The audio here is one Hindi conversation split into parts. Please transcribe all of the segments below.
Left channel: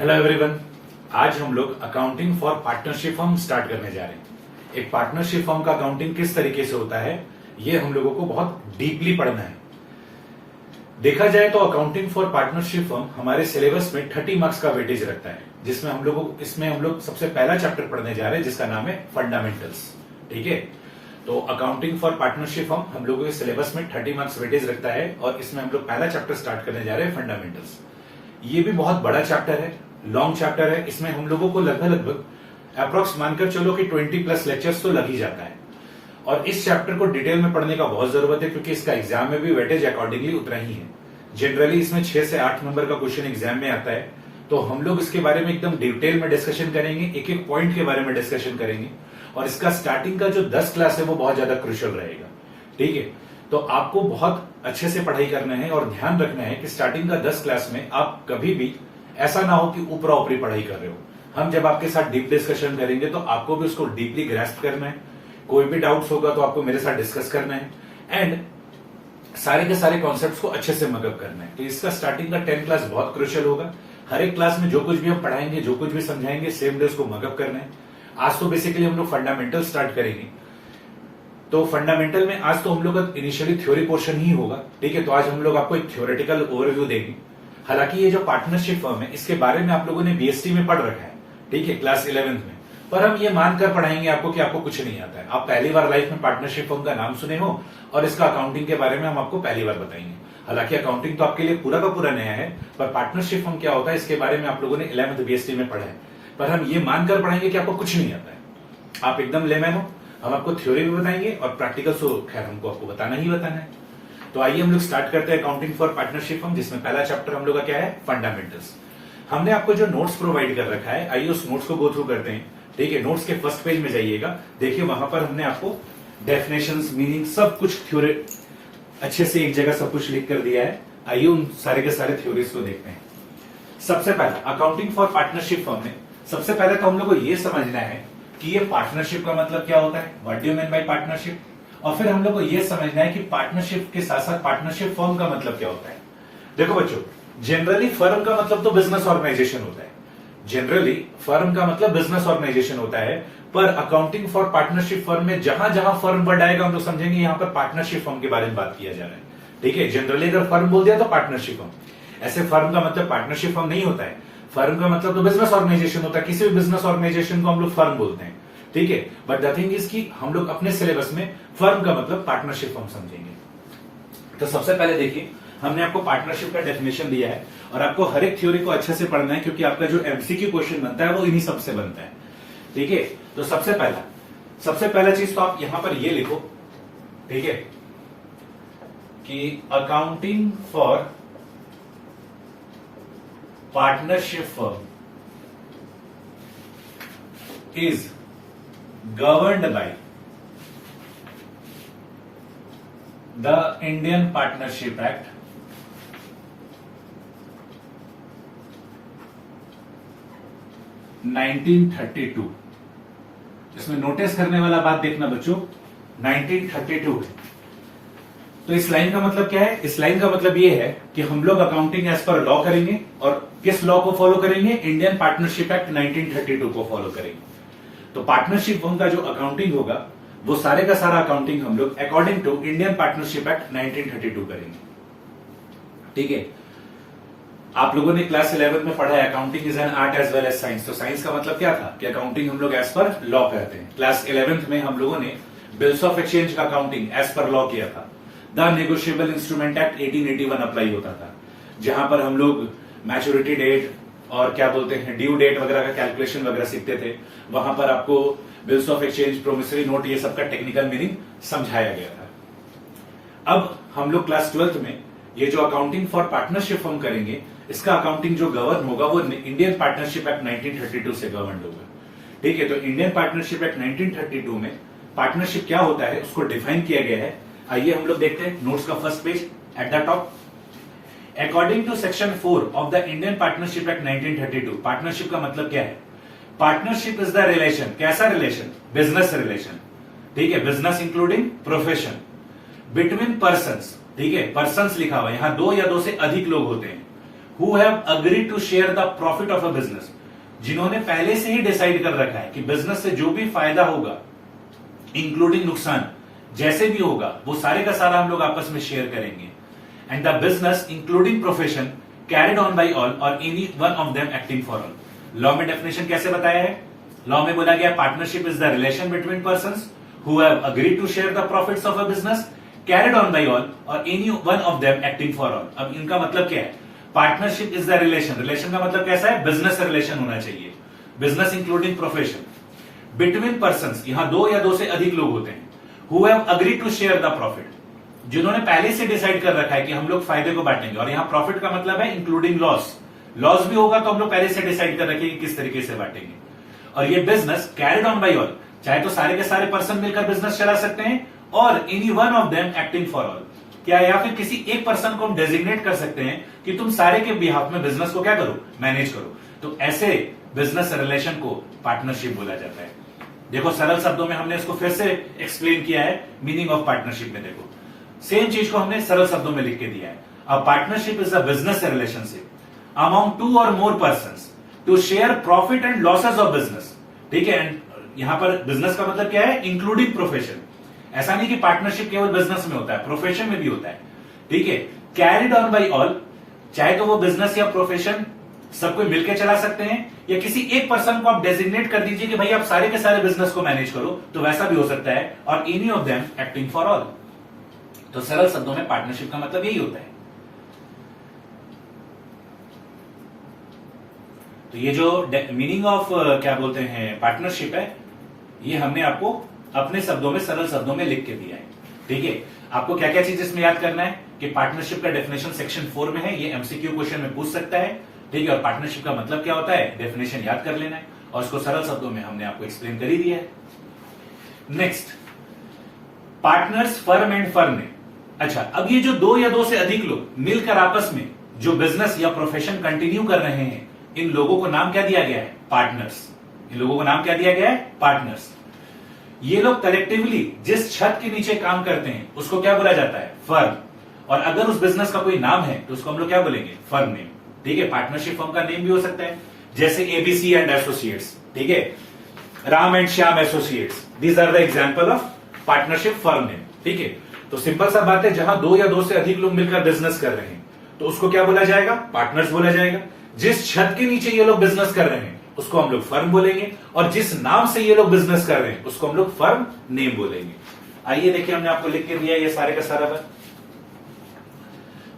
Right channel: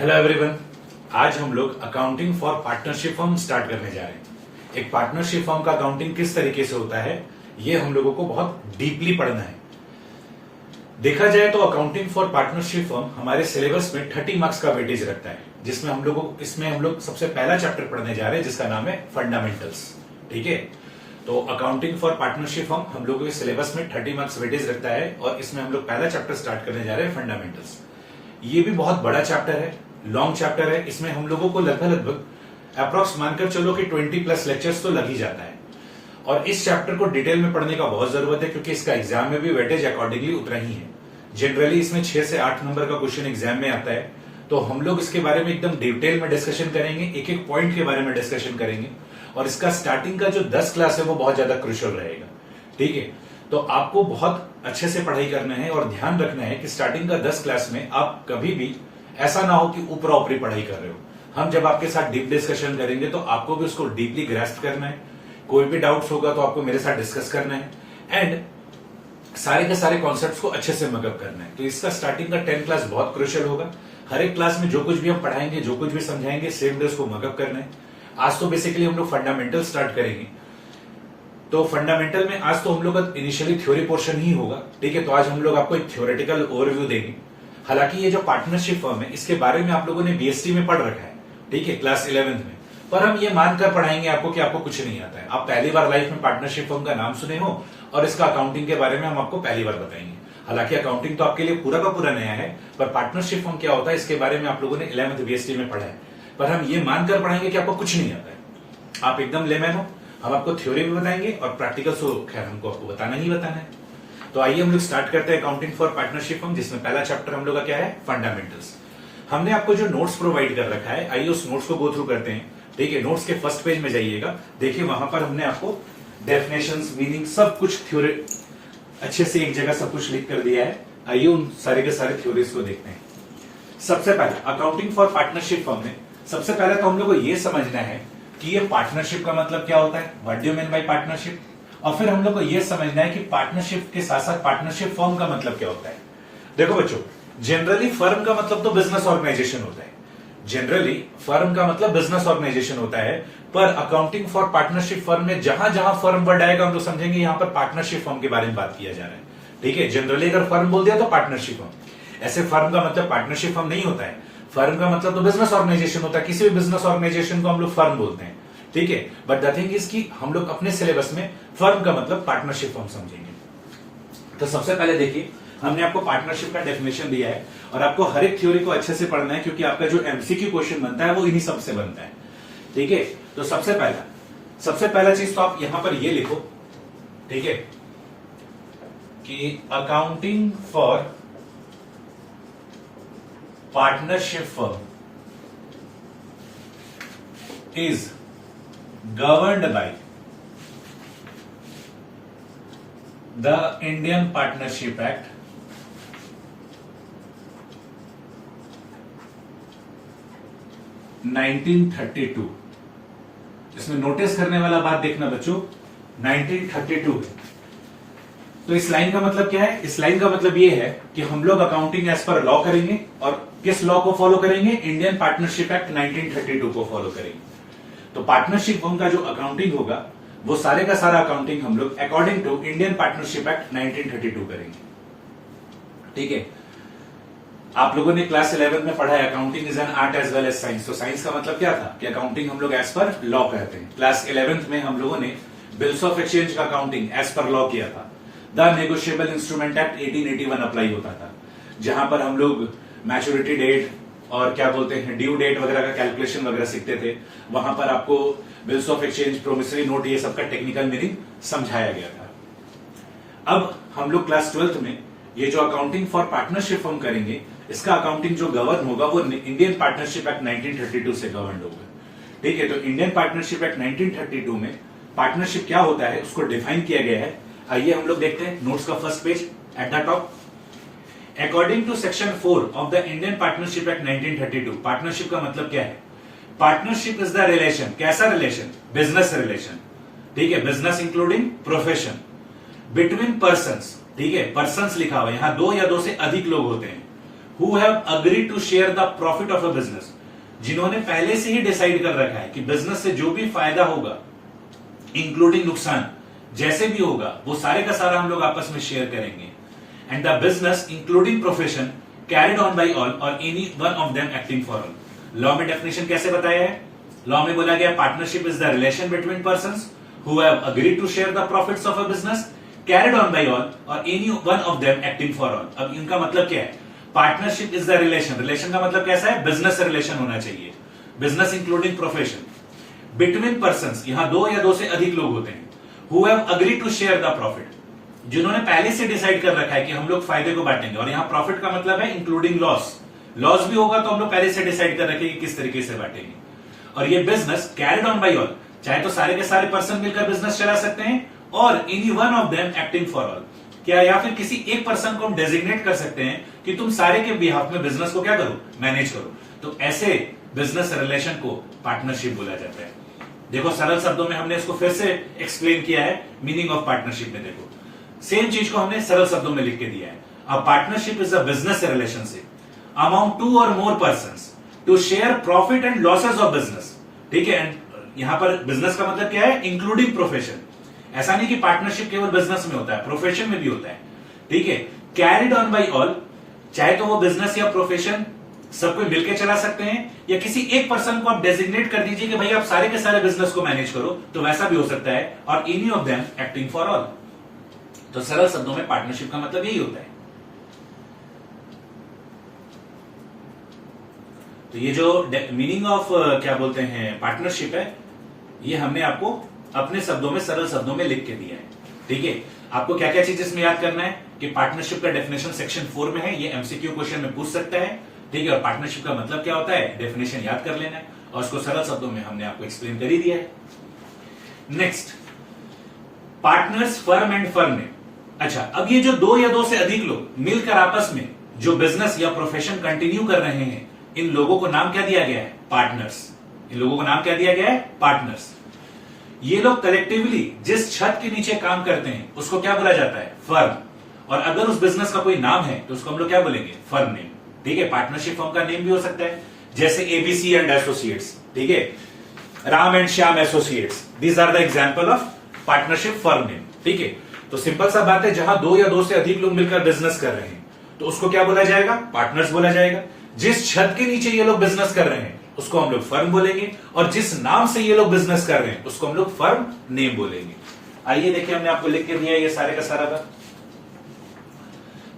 Hello everyone. आज हम लोग accounting for partnership firm start करने जा रहे हैं। एक पार्टनरशिप फर्म का अकाउंटिंग किस तरीके से होता है ये हम लोगों को बहुत डीपली पढ़ना है। देखा जाए तो अकाउंटिंग फॉर पार्टनरशिप फर्म हमारे सिलेबस में 30 मार्क्स का वेटेज रखता है, जिसमें हम लोग सबसे पहला चैप्टर पढ़ने जा रहे हैं जिसका नाम है फंडामेंटल्स। ठीक है, तो अकाउंटिंग फॉर पार्टनरशिप फर्म हम लोगों के सिलेबस में 30 मार्क्स वेटेज रखता है और इसमें हम लोग पहला चैप्टर स्टार्ट करने जा रहे हैं फंडामेंटल्स। ये भी बहुत बड़ा चैप्टर है, लॉन्ग चैप्टर है। इसमें हम लोगों को लगभग अप्रोक्स मानकर चलो कि 20+ लेक्चर्स तो लग ही जाता है और इस चैप्टर को डिटेल में पढ़ने का बहुत जरूरत है क्योंकि इसका एग्जाम में भी वेटेज अकॉर्डिंगली उतना ही है। जनरली इसमें 6 से 8 नंबर का क्वेश्चन एग्जाम में आता है, तो हम लोग इसके बारे में एकदम डिटेल में डिस्कशन करेंगे, एक एक पॉइंट के बारे में डिस्कशन करेंगे और इसका स्टार्टिंग का जो 10 क्लास है वो बहुत ज्यादा क्रूशियल रहेगा। ठीक है, तो आपको बहुत अच्छे से पढ़ाई करना है और ध्यान रखना है कि स्टार्टिंग का 10 क्लास में आप कभी भी ऐसा ना हो कि ऊपरा ऊपरी पढ़ाई कर रहे हो। हम जब आपके साथ डीप डिस्कशन करेंगे तो आपको भी उसको डीपली ग्रास्प करना है। कोई भी डाउट्स होगा तो आपको मेरे साथ डिस्कस करना है एंड सारे के सारे कॉन्सेप्ट्स को अच्छे से मगअप करना है। तो इसका स्टार्टिंग का 10 क्लास बहुत क्रूशियल होगा। हर एक क्लास में जो कुछ भी हम पढ़ाएंगे, जो कुछ भी समझाएंगे, सेम डे उसको मगअप करना है। आज तो बेसिकली हम लोग फंडामेंटल स्टार्ट करेंगे, तो फंडामेंटल में आज तो हम लोग का इनिशियली थ्योरी पोर्शन ही होगा। ठीक है, तो आज हम लोग आपको एक थ्योरेटिकल ओवरव्यू देंगे। हालांकि ये जो पार्टनरशिप फर्म है इसके बारे में आप लोगों ने बीएसटी में पढ़ रखा है, ठीक है, क्लास 11th में, पर हम ये मानकर पढ़ाएंगे आपको कि आपको कुछ नहीं आता है। आप पहली बार लाइफ में पार्टनरशिप फर्म का नाम सुने हो और इसका अकाउंटिंग के बारे में हम आपको पहली बार बताएंगे। हालांकि अकाउंटिंग तो आपके लिए पूरा का पूरा नया है, पर पार्टनरशिप फर्म क्या होता है इसके बारे में आप लोगों ने 11th बीएसटी में पढ़ा है, पर हम ये मानकर पढ़ाएंगे कि आपको कुछ नहीं आता है, आप एकदम लेमैन हो। हम आपको थ्योरी भी बताएंगे और प्रैक्टिकल तो खैर हमको आपको बताना ही बताना है। तो आइए हम लोग स्टार्ट करते हैं अकाउंटिंग फॉर पार्टनरशिप फर्म, जिसमें पहला चैप्टर हम लोग का क्या है, फंडामेंटल्स। हमने आपको जो नोट्स प्रोवाइड कर रखा है, आइए उस नोट्स को गो थ्रू करते हैं। ठीक है, नोट्स के फर्स्ट पेज में जाइएगा, देखिए वहां पर हमने आपको डेफिनेशंस, मीनिंग, सब कुछ थ्योरी अच्छे से एक जगह सब कुछ लिख कर दिया है। आइए उन सारे के सारे थ्योरीज को देखते हैं। सबसे पहले अकाउंटिंग फॉर पार्टनरशिप फर्म में सबसे पहले तो हम लोग को यह समझना है कि ये पार्टनरशिप का मतलब क्या होता है, what do you mean by partnership, और फिर हम लोग को यह समझना है कि पार्टनरशिप के साथ साथ पार्टनरशिप फर्म का मतलब क्या होता है। देखो बच्चों, जनरली फर्म का मतलब तो बिजनेस ऑर्गेनाइजेशन होता है, जनरली फर्म का मतलब बिजनेस ऑर्गेनाइजेशन होता है, पर अकाउंटिंग फॉर पार्टनरशिप फर्म में जहां जहां फर्म वर्ड आएगा हम लोग समझेंगे यहां पर पार्टनरशिप फर्म के बारे में बात किया जा रहा है। ठीक है, जनरली अगर फर्म बोल दिया तो पार्टनरशिप फर्म, ऐसे फर्म का मतलब पार्टनरशिप फर्म नहीं होता है। फर्म का मतलब तो बिजनेस ऑर्गेनाइजेशन होता है, किसी भी बिजनेस ऑर्गेनाइजेशन को हम लोग फर्म बोलते हैं। ठीक है, बट द थिंग इज कि हम लोग अपने सिलेबस में फर्म का मतलब पार्टनरशिप फर्म समझेंगे। तो सबसे पहले देखिए, हमने आपको पार्टनरशिप का डेफिनेशन दिया है और आपको हर एक थ्योरी को अच्छे से पढ़ना है क्योंकि आपका जो एमसीक्यू क्वेश्चन बनता है वो इन्हीं सबसे बनता है। ठीक है, तो सबसे पहला चीज तो आप यहां पर ये लिखो, ठीक है, कि accounting for partnership firm is governed by the Indian Partnership Act 1932। इसमें नोटिस करने वाला बात देखना बच्चों, 1932 है। तो इस लाइन का मतलब क्या है, इस लाइन का मतलब ये है कि हम लोग अकाउंटिंग एज पर लॉ करेंगे और किस लॉ को फॉलो करेंगे, इंडियन पार्टनरशिप एक्ट 1932 को फॉलो करेंगे। तो पार्टनरशिप फर्म का जो अकाउंटिंग होगा वो सारे का सारा अकाउंटिंग हम लोग according to Indian partnership act 1932 करेंगे। ठीक है, आप लोगों ने क्लास 11 में पढ़ा है accounting is an art as well as science. तो साइंस का मतलब क्या था कि अकाउंटिंग हम लोग एज पर लॉ करते हैं। क्लास 11th में हम लोगों ने बिल्स ऑफ एक्सचेंज का अकाउंटिंग एज पर लॉ किया था। The negotiable instrument act 1881 apply होता था, जहां पर हम लोग मैच्योरिटी डेट और क्या बोलते हैं ड्यू डेट वगैरह का कैलकुलेशन वगैरह सीखते थे। वहां पर आपको bills of exchange, promissory note, ये सबका टेक्निकल मीनिंग समझाया गया था। अब हम लोग क्लास 12th में ये जो अकाउंटिंग फॉर पार्टनरशिप फर्म करेंगे, इसका अकाउंटिंग जो गवर्न होगा वो इंडियन पार्टनरशिप एक्ट 1932 से गवर्न होगा। ठीक है, तो इंडियन पार्टनरशिप एक्ट 1932 में पार्टनरशिप क्या होता है उसको डिफाइन किया गया है। आइए हम लोग देखते हैं नोट्स का first page at the top. According to section 4 of the Indian partnership act 1932, partnership का मतलब क्या है, पार्टनरशिप इज द रिलेशन, कैसा रिलेशन, बिजनेस रिलेशन। ठीक है, business including profession, between persons. ठीक है, पर्संस लिखा हुआ है, यहां 2 या 2 से अधिक लोग होते हैं, who have agreed to share the profit of a business, जिन्होंने पहले से ही डिसाइड कर रखा है कि बिजनेस से जो भी फायदा होगा इंक्लूडिंग नुकसान जैसे भी होगा वो सारे का सारा हम लोग आपस में शेयर करेंगे। And the business including profession carried on by all और any one of them acting for all. Law में डेफिनेशन कैसे बताया है? लॉ में बोला गया partnership is the relation between persons who have agreed to share the profits of a business carried on by all और any one of them acting for all. अब इनका मतलब क्या है? Partnership is the relation, relation का मतलब कैसा है? बिजनेस रिलेशन होना चाहिए, business including profession between persons, यहां दो या दो से अधिक लोग होते हैं, who have agreed to share the profit, जिन्होंने पहले से डिसाइड कर रखा है कि हम लोग फायदे को बांटेंगे। और यहां प्रॉफिट का मतलब है इंक्लूडिंग लॉस, लॉस भी होगा तो हम लोग पहले से डिसाइड कर रखेंगे किस तरीके से बांटेंगे। और ये business carried on by all, चाहे तो सारे के सारे पर्सन मिलकर बिजनेस चला सकते हैं और any one of them acting for all, क्या या फिर किसी एक पर्सन को हम डेजिग्नेट कर सकते हैं कि तुम सारे के बिहाफ में बिजनेस को क्या करो? मैनेज करो। तो ऐसे बिजनेस रिलेशन को पार्टनरशिप बोला जाता है। देखो सरल शब्दों में हमने इसको फिर से एक्सप्लेन किया है मीनिंग ऑफ पार्टनरशिप में। देखो सेम चीज को हमने सरल शब्दों में लिख के दिया है। A partnership is a business relationship among two और more persons to share profit and losses of business. ठीक है, एंड यहां पर बिजनेस का मतलब क्या है? Including profession. ऐसा नहीं कि पार्टनरशिप केवल बिजनेस में होता है, प्रोफेशन में भी होता है। ठीक है, कैरिड ऑन बाई ऑल, चाहे तो वो बिजनेस या प्रोफेशन सबको मिलकर चला सकते हैं या किसी एक पर्सन को आप डेजिग्नेट कर दीजिए कि भाई आप सारे के सारे बिजनेस को मैनेज करो, तो वैसा भी हो सकता है। और any of them acting for all. तो सरल शब्दों में पार्टनरशिप का मतलब यही होता है। तो ये जो मीनिंग ऑफ क्या बोलते हैं पार्टनरशिप है, ये हमने आपको अपने शब्दों में सरल शब्दों में लिख के दिया है। ठीक है, आपको क्या क्या चीज इसमें याद करना है कि पार्टनरशिप का डेफिनेशन सेक्शन 4 में है, ये एमसीक्यू क्वेश्चन में पूछ सकता है। ठीक है, और पार्टनरशिप का मतलब क्या होता है डेफिनेशन याद कर लेना है और उसको सरल शब्दों में हमने आपको एक्सप्लेन कर ही दिया है। Next, partners firm and firm. अच्छा, अब ये जो दो या दो से अधिक लोग मिलकर आपस में जो बिजनेस या प्रोफेशन कंटिन्यू कर रहे हैं, इन लोगों को नाम क्या दिया गया है? पार्टनर्स। इन लोगों को नाम क्या दिया गया है? पार्टनर्स। ये लोग कलेक्टिवली जिस छत के नीचे काम करते हैं उसको क्या बोला जाता है? फर्म। और अगर उस बिजनेस का कोई नाम है तो उसको हम लोग क्या बोलेंगे? Firm name. ठीक है, पार्टनरशिप फर्म का नेम भी हो सकता है, जैसे एबीसी एंड एसोसिएट्स। ठीक है, Ram and Shyam associates, these are the example of partnership firm name. ठीक है, तो सिंपल सा बात है, जहां दो या दो से अधिक लोग मिलकर बिजनेस कर रहे हैं तो उसको क्या बोला जाएगा? पार्टनर्स बोला जाएगा। जिस छत के नीचे ये लोग बिजनेस कर रहे हैं उसको हम लोग फर्म बोलेंगे, और जिस नाम से ये लोग बिजनेस कर रहे हैं उसको हम लोग फर्म नेम बोलेंगे। आइए देखिए, हमने आपको लिख के दिया ये सारे का सारा बात।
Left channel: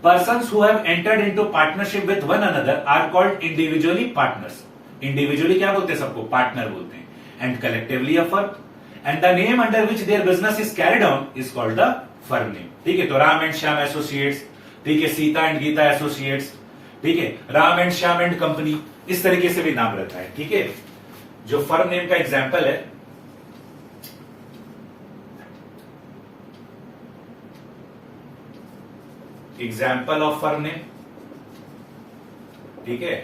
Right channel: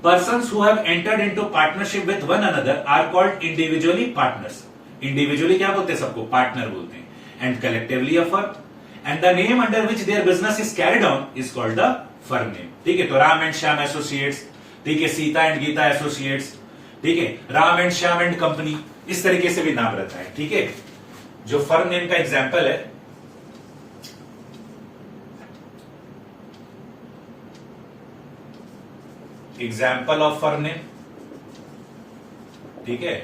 Persons who have entered into partnership with one another are called individually partners. Individually क्या बोलते हैं? सबको पार्टनर बोलते हैं। And collectively a firm. And the name under which their business is carried on is called the firm name. ठीक है, तो राम एंड श्याम एसोसिएट्स, ठीक है, सीता एंड गीता एसोसिएट्स, ठीक है, Ram and Shyam and company, इस तरीके से भी नाम रहता है। ठीक है, जो फर्म नेम का एग्जाम्पल है, एग्जाम्पल ऑफ फर्म नेम, ठीक है,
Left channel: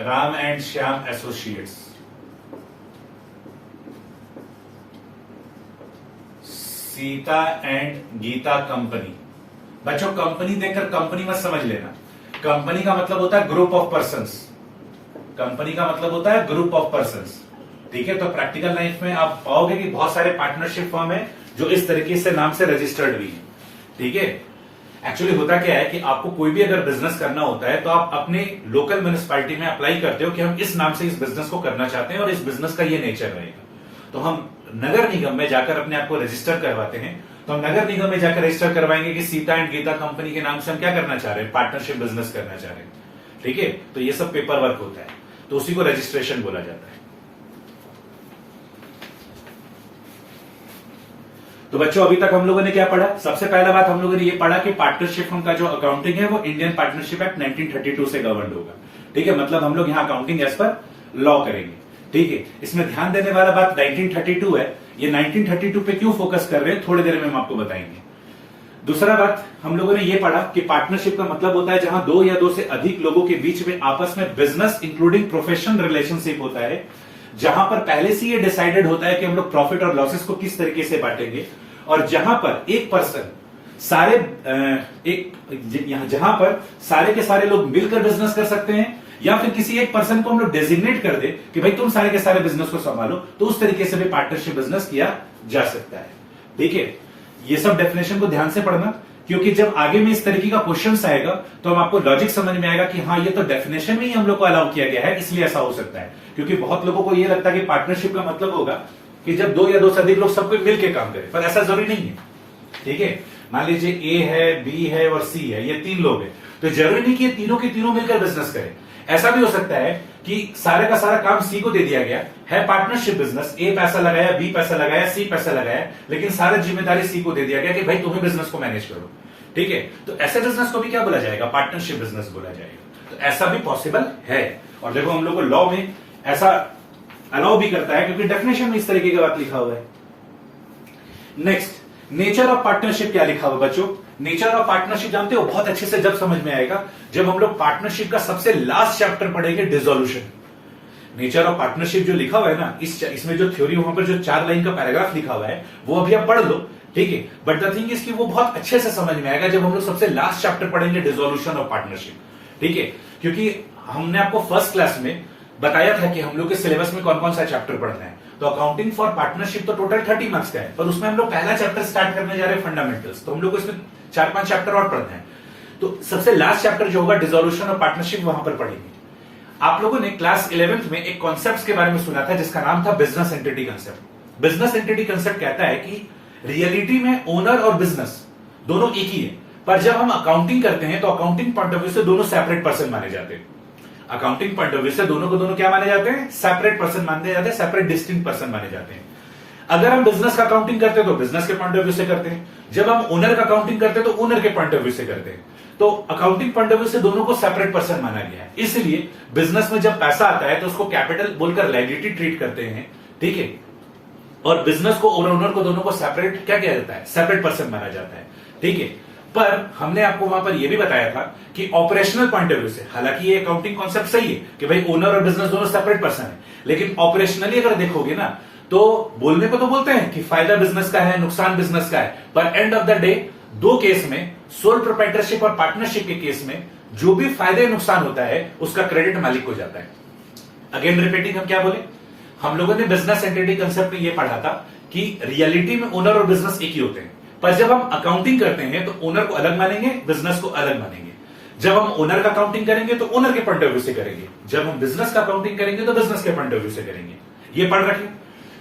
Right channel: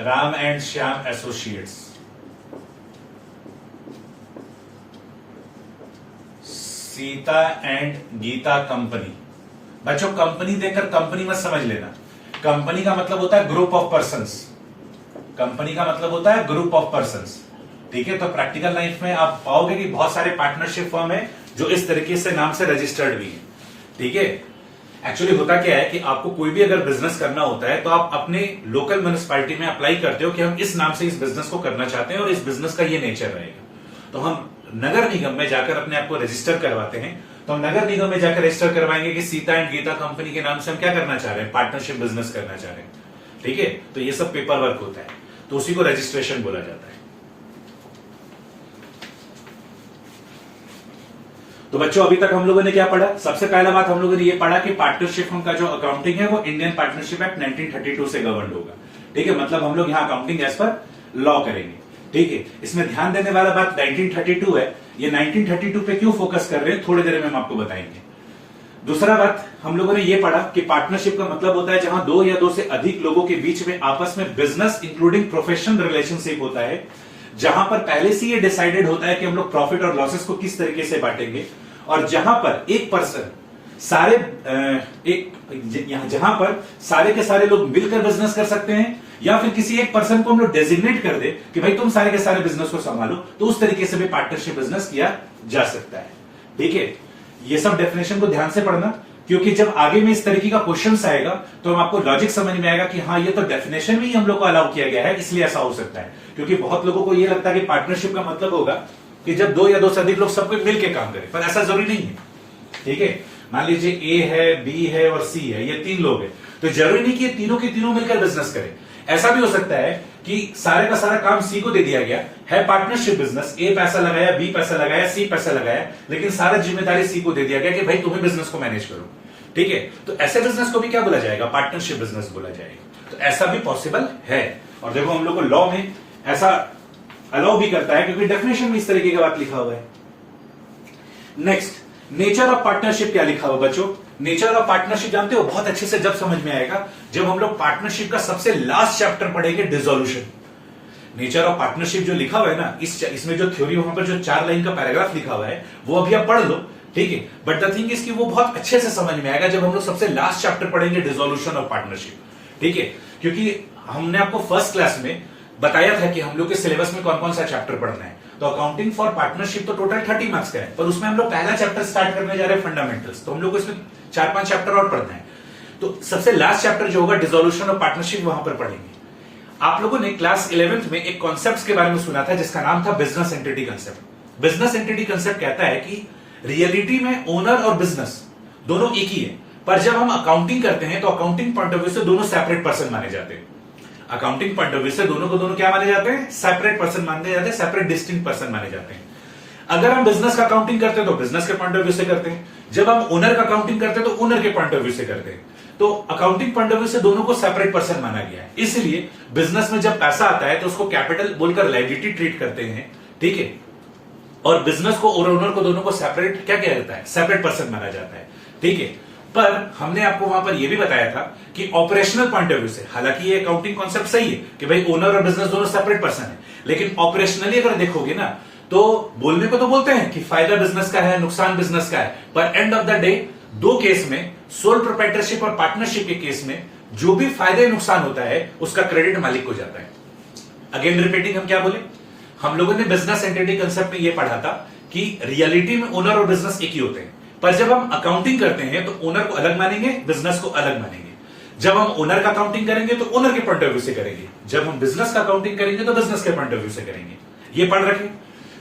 Ram and Shyam associates, Sita and Gita company. बच्चों कंपनी देखकर कंपनी मत समझ लेना, कंपनी का मतलब होता है ग्रुप ऑफ पर्संस। कंपनी का मतलब होता है ग्रुप ऑफ पर्संस। ठीक है, तो प्रैक्टिकल लाइफ में आप पाओगे कि बहुत सारे पार्टनरशिप फर्म है जो इस तरीके से नाम से रजिस्टर्ड भी है। ठीक है, एक्चुअली होता क्या है कि आपको कोई भी अगर बिजनेस करना होता है तो आप अपने लोकल म्युनिसिपैलिटी में अप्लाई करते हो कि हम इस नाम से इस बिजनेस को करना चाहते हैं और इस बिजनेस का ये नेचर रहेगा। तो हम नगर निगम में जाकर अपने आप को रजिस्टर करवाते हैं, तो हम नगर निगम में जाकर रजिस्टर करवाएंगे कि सीता एंड गीता कंपनी के नाम से हम क्या करना चाह रहे हैं? पार्टनरशिप बिजनेस करना चाह रहे हैं। ठीक है, तो ये सब पेपर वर्क होता है, तो उसी को रजिस्ट्रेशन बोला जाता है। तो बच्चों अभी तक हम लोगों ने क्या पढ़ा? सबसे पहला बात हम लोगों ने ये पढ़ा कि पार्टनरशिप फर्म का जो अकाउंटिंग है वो इंडियन पार्टनरशिप एक्ट 1932 से गवर्न होगा। ठीक है, मतलब हम लोग यहाँ अकाउंटिंग एज पर लॉ करेंगे। ठीक है, इसमें ध्यान देने वाला बात 1932 है। ये 1932 पे क्यों फोकस कर रहे हैं थोड़ी देर में हम आपको बताएंगे। दूसरा बात हम लोगों ने ये पढ़ा कि पार्टनरशिप का मतलब होता है जहां दो या दो से अधिक लोगों के बीच में आपस में बिजनेस इंक्लूडिंग प्रोफेशनल रिलेशनशिप होता है, जहां पर पहले से ये डिसाइडेड होता है कि हम लोग प्रॉफिट और लॉसेस को किस तरीके से बांटेंगे, और जहां पर एक पर्सन सारे जहां पर सारे के सारे लोग मिलकर बिजनेस कर सकते हैं, या फिर किसी एक पर्सन को हम लोग डेजिग्नेट कर दे कि भाई तुम सारे के सारे बिजनेस को संभालो, तो उस तरीके से भी पार्टनरशिप बिजनेस किया जा सकता है। ठीक है, ये सब डेफिनेशन को ध्यान से पढ़ना, क्योंकि जब आगे में इस तरीके का क्वेश्चन आएगा तो हम आपको लॉजिक समझ में आएगा कि हाँ ये तो डेफिनेशन में ही हम लोग को अलाउ किया गया है, इसलिए ऐसा हो सकता है। क्योंकि बहुत लोगों को ये लगता है कि पार्टनरशिप का मतलब होगा कि जब दो या दो से अधिक लोग सब कोई मिलकर काम करें, पर ऐसा जरूरी नहीं है। ठीक है, मान लीजिए ए है, बी है और सी है, ये 3 लोग हैं, तो जरूरी नहीं कि ये तीनों के तीनों मिलकर बिजनेस करें। ऐसा भी हो सकता है कि सारे का सारा काम सी को दे दिया गया है, पार्टनरशिप बिजनेस, ए पैसा लगाया, बी पैसा लगाया, सी पैसा लगाया, लेकिन सारा जिम्मेदारी सी को दे दिया गया कि भाई तुम्हें बिजनेस को मैनेज करो। ठीक है, तो ऐसे बिजनेस को भी क्या बोला जाएगा? पार्टनरशिप बिजनेस बोला जाएगा। तो ऐसा भी पॉसिबल है, और देखो हम लोग को लॉ में ऐसा अलाउ भी करता है, क्योंकि डेफिनेशन में इस तरीके की बात लिखा हुआ है। नेक्स्ट, नेचर ऑफ पार्टनरशिप क्या लिखा हुआ बच्चों? नेचर ऑफ पार्टनरशिप जानते हो बहुत अच्छे से जब समझ में आएगा जब हम लोग पार्टनरशिप का सबसे लास्ट चैप्टर पढ़ेंगे, डिसोल्यूशन। नेचर ऑफ पार्टनरशिप जो लिखा हुआ है ना, इसमें जो थ्योरी वहां पर जो 4 लाइन का पैराग्राफ लिखा हुआ है वो अभी आप पढ़ लो। ठीक है, बट द थिंग इज कि वो बहुत अच्छे से समझ में आएगा जब हम लोग सबसे लास्ट चैप्टर पढ़ेंगे, डिसोल्यूशन ऑफ पार्टनरशिप। ठीक है, क्योंकि हमने आपको फर्स्ट क्लास में बताया था कि हम लोग के सिलेबस में कौन कौन सा चैप्टर पढ़ना है। तो अकाउंटिंग फॉर पार्टनरशिप तो टोटल 30 मार्क्स का है, पर उसमें हम लोग पहला चैप्टर स्टार्ट करने जा रहे हैं, फंडामेंटल्स। तो हम लोग को इसमें 4-5 चैप्टर और पढ़ना है। तो सबसे लास्ट चैप्टर जो होगा डिसोल्यूशन ऑफ पार्टनरशिप, वहां पर पढ़ेंगे। आप लोगों ने क्लास 11th में एक कॉन्सेप्ट के बारे में सुना था जिसका नाम था business entity concept. Business entity concept कहता है कि रियलिटी में ओनर और बिजनेस दोनों एक ही है, पर जब हम अकाउंटिंग करते हैं तो अकाउंटिंग पॉइंट ऑफ व्यू से दोनों सेपरेट पर्सन माने जाते हैं। अकाउंटिंग पॉइंट ऑफ व्यू से दोनों को दोनों क्या माने जाते हैं? सेपरेट पर्सन माने जाते हैं, सेपरेट डिस्टिंक्ट पर्सन माने जाते हैं। अगर हम बिजनेस का अकाउंटिंग करते हैं तो बिजनेस के पॉइंट ऑफ व्यू से करते हैं, जब हम ओनर का अकाउंटिंग करते हैं तो ओनर के पॉइंट ऑफ व्यू से करते हैं। तो अकाउंटिंग पॉइंट ऑफ व्यू से दोनों को सेपरेट पर्सन माना गया है। इसलिए बिजनेस में जब पैसा आता है तो उसको कैपिटल बोलकर लायबिलिटी ट्रीट करते हैं। ठीक है, और बिजनेस को और ओनर को दोनों को सेपरेट क्या किया जाता है? सेपरेट पर्सन माना जाता है। ठीक है, पर हमने आपको वहां पर यह भी बताया था कि ऑपरेशनल पॉइंट ऑफ व्यू से, हालांकि ये अकाउंटिंग कॉन्सेप्ट सही है कि भाई ओनर और बिजनेस दोनों सेपरेट पर्सन है, लेकिन ऑपरेशनली अगर देखोगे ना तो बोलने को तो बोलते हैं कि फायदा बिजनेस का है, नुकसान बिजनेस का है, पर एंड ऑफ द डे दो केस में, सोल प्रोप्राइटरशिप और पार्टनरशिप के केस में, जो भी फायदे नुकसान होता है उसका क्रेडिट मालिक को जाता है। अगेन रिपीटिंग, हम क्या बोले? हम लोगों ने बिजनेस एंटिटी कंसेप्ट में यह पढ़ा था कि रियलिटी में ओनर और बिजनेस एक ही होते हैं, पर जब हम अकाउंटिंग करते हैं तो ओनर को अलग मानेंगे, बिजनेस को अलग मानेंगे। जब हम ओनर का अकाउंटिंग करेंगे तो ओनर के पॉइंट ऑफ व्यू से करेंगे, जब हम बिजनेस का अकाउंटिंग करेंगे तो बिजनेस के पॉइंट ऑफ व्यू से करेंगे। ये पढ़ रखें,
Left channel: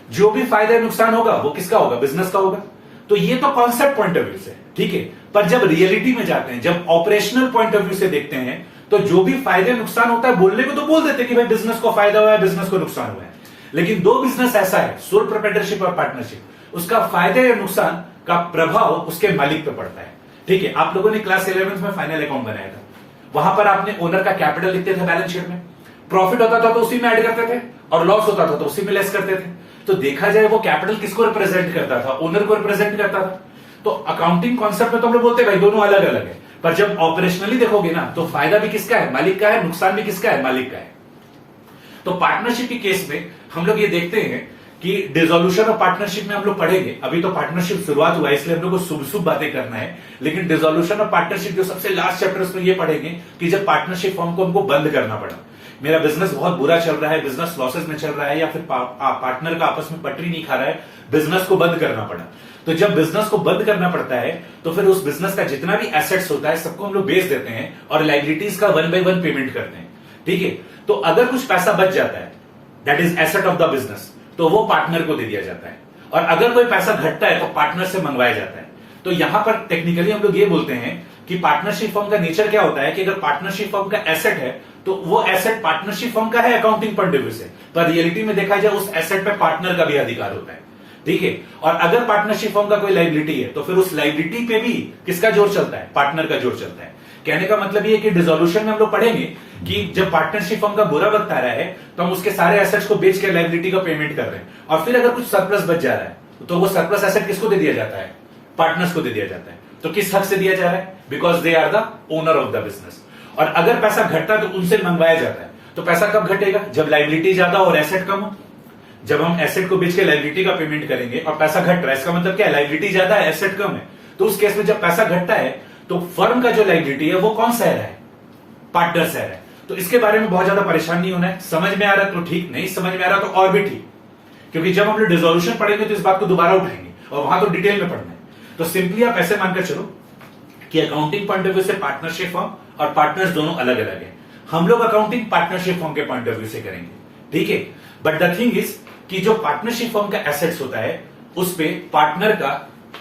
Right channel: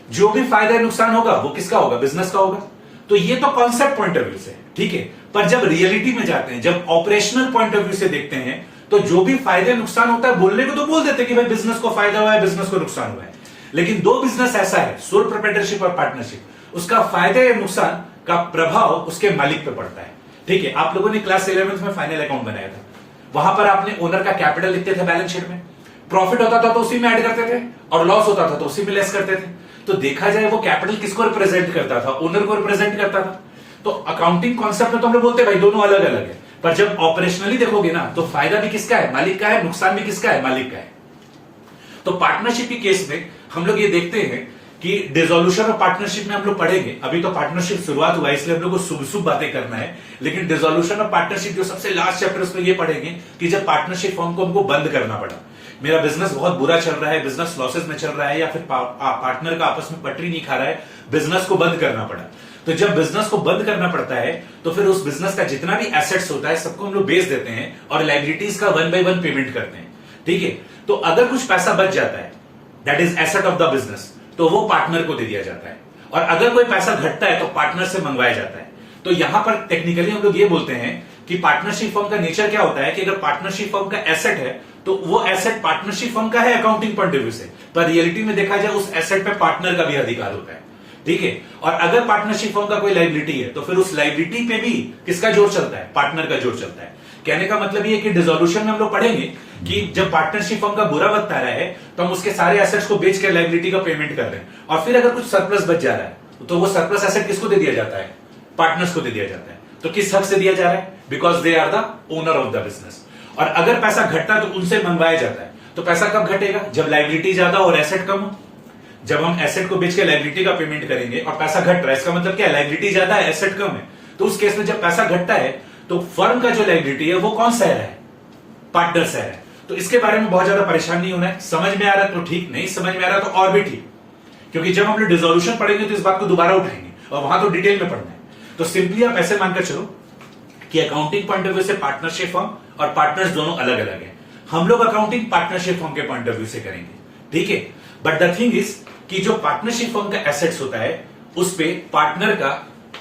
जो भी फायदा नुकसान होगा वो किसका होगा? बिजनेस का होगा। तो ये तो कॉन्सेप्ट पॉइंट ऑफ व्यू से, ठीक है, पर जब रियलिटी में जाते हैं, जब ऑपरेशनल पॉइंट ऑफ व्यू से देखते हैं, तो जो भी फायदे नुकसान होता है, बोलने को तो बोल देते हैं कि भाई बिजनेस को फायदा हुआ है, बिजनेस को नुकसान हुआ है, लेकिन दो बिजनेस ऐसा है, सोल प्रोप्राइटरशिप और पार्टनरशिप, उसका फायदे या नुकसान का प्रभाव उसके मालिक पे पड़ता है। ठीक है, आप लोगों ने क्लास 11th में फाइनल अकाउंट बनाया था, वहां पर आपने ओनर का कैपिटल लिखते थे बैलेंस शीट में, प्रॉफिट होता था तो उसी में ऐड करते थे और लॉस होता था तो उसी में लेस करते थे। तो देखा जाए वो कैपिटल किसको रिप्रेजेंट करता था? ओनर को रिप्रेजेंट करता था। तो अकाउंटिंग कॉन्सेप्ट में तो हम लोग बोलते हैं भाई दोनों अलग अलग है, पर जब ऑपरेशनली देखोगे ना तो फायदा भी किसका है? मालिक का है, नुकसान भी किसका है? मालिक का है। तो पार्टनरशिप के केस में हम लोग ये देखते हैं कि डिसोल्यूशन ऑफ पार्टनरशिप में हम लोग पढ़ेंगे, अभी तो पार्टनरशिप शुरुआत हुआ है इसलिए हम लोग को शुभ शुभ बातें करना है, लेकिन डिसोल्यूशन ऑफ पार्टनरशिप जो सबसे लास्ट चैप्टर उसमें ये पढ़ेंगे कि जब पार्टनरशिप फॉर्म को हमको बंद करना पड़ा, मेरा बिजनेस बहुत बुरा चल रहा है, बिजनेस लॉसेस में चल रहा है, या फिर पार्टनर का आपस में पटरी नहीं खा रहा है, बिजनेस को बंद करना पड़ा। तो जब बिजनेस को बंद करना पड़ता है तो फिर उस बिजनेस का जितना भी एसेट्स होता है सबको हम लोग बेच देते हैं और लायबिलिटीज का 1 by 1 पेमेंट करते हैं। ठीक है, तो अगर कुछ पैसा बच जाता है, that is asset of the business, तो वो पार्टनर को दे दिया जाता है, और अगर कोई पैसा घटता है तो पार्टनर से मंगवाया जाता है। तो यहां पर टेक्निकली हम लोग ये बोलते हैं कि पार्टनरशिप फर्म का नेचर क्या होता है कि अगर पार्टनरशिप फर्म का एसेट है तो वो एसेट पार्टनरशिप फर्म का है अकाउंटिंग पॉइंट ऑफ व्यू से, पर रियलिटी में देखा जाए उस एसेट पे पार्टनर का भी अधिकार होता है। ठीक है, और अगर पार्टनरशिप फर्म का कोई लायबिलिटी है तो फिर उस लायबिलिटी पे भी किसका जोर चलता है? पार्टनर का जोर चलता है। कहने का मतलब ये कि डिसोल्यूशन में हम लोग पढ़ेंगे कि जब पार्टनरशिप फर्म का बुरा वक्त आ रहा है तो हम उसके सारे एसेट्स को बेच के लायबिलिटी का पेमेंट कर रहे हैं, और फिर अगर कुछ सरप्लस बच जा रहा है तो वो सरप्लस एसेट किसको दे दिया जाता है? पार्टनर्स को दे दिया जाता है। तो किस हक से दिया जा रहा है? Because they are the owner of the business. और अगर पैसा घटता है तो उनसे मंगवाया जाता है। तो पैसा कब घटेगा? जब लायबिलिटी ज्यादा और एसेट कम हो। जब हम एसेट को बेच के लायबिलिटी का पेमेंट करेंगे और पैसा घट रहा है, इसका मतलब क्या है? लायबिलिटी ज्यादा है, एसेट कम है, तो उस केस में जब पैसा घटता है तो फर्म का जो लायबिलिटी है वो कौन सह रहा है? पार्टनर सह रहा है। तो इसके बारे में बहुत ज्यादा परेशान नहीं होना है। समझ में आ रहा है तो ठीक, नहीं समझ में आ रहा तो और भी ठीक, क्योंकि जब हम लोग डिसोल्यूशन पढ़ेंगे तो इस बात को दोबारा उठाएंगे और वहां तो डिटेल में पढ़ना है। तो सिंपली आप ऐसे मानकर चलो कि अकाउंटिंग पॉइंट ऑफ व्यू से पार्टनरशिप फर्म और पार्टनर्स दोनों अलग अलग है। हम लोग अकाउंटिंग पार्टनरशिप फर्म के पॉइंट ऑफ व्यू से करेंगे, ठीक है। बट द थिंग इज कि जो पार्टनरशिप फर्म का एसेट्स होता है उस पे पार्टनर का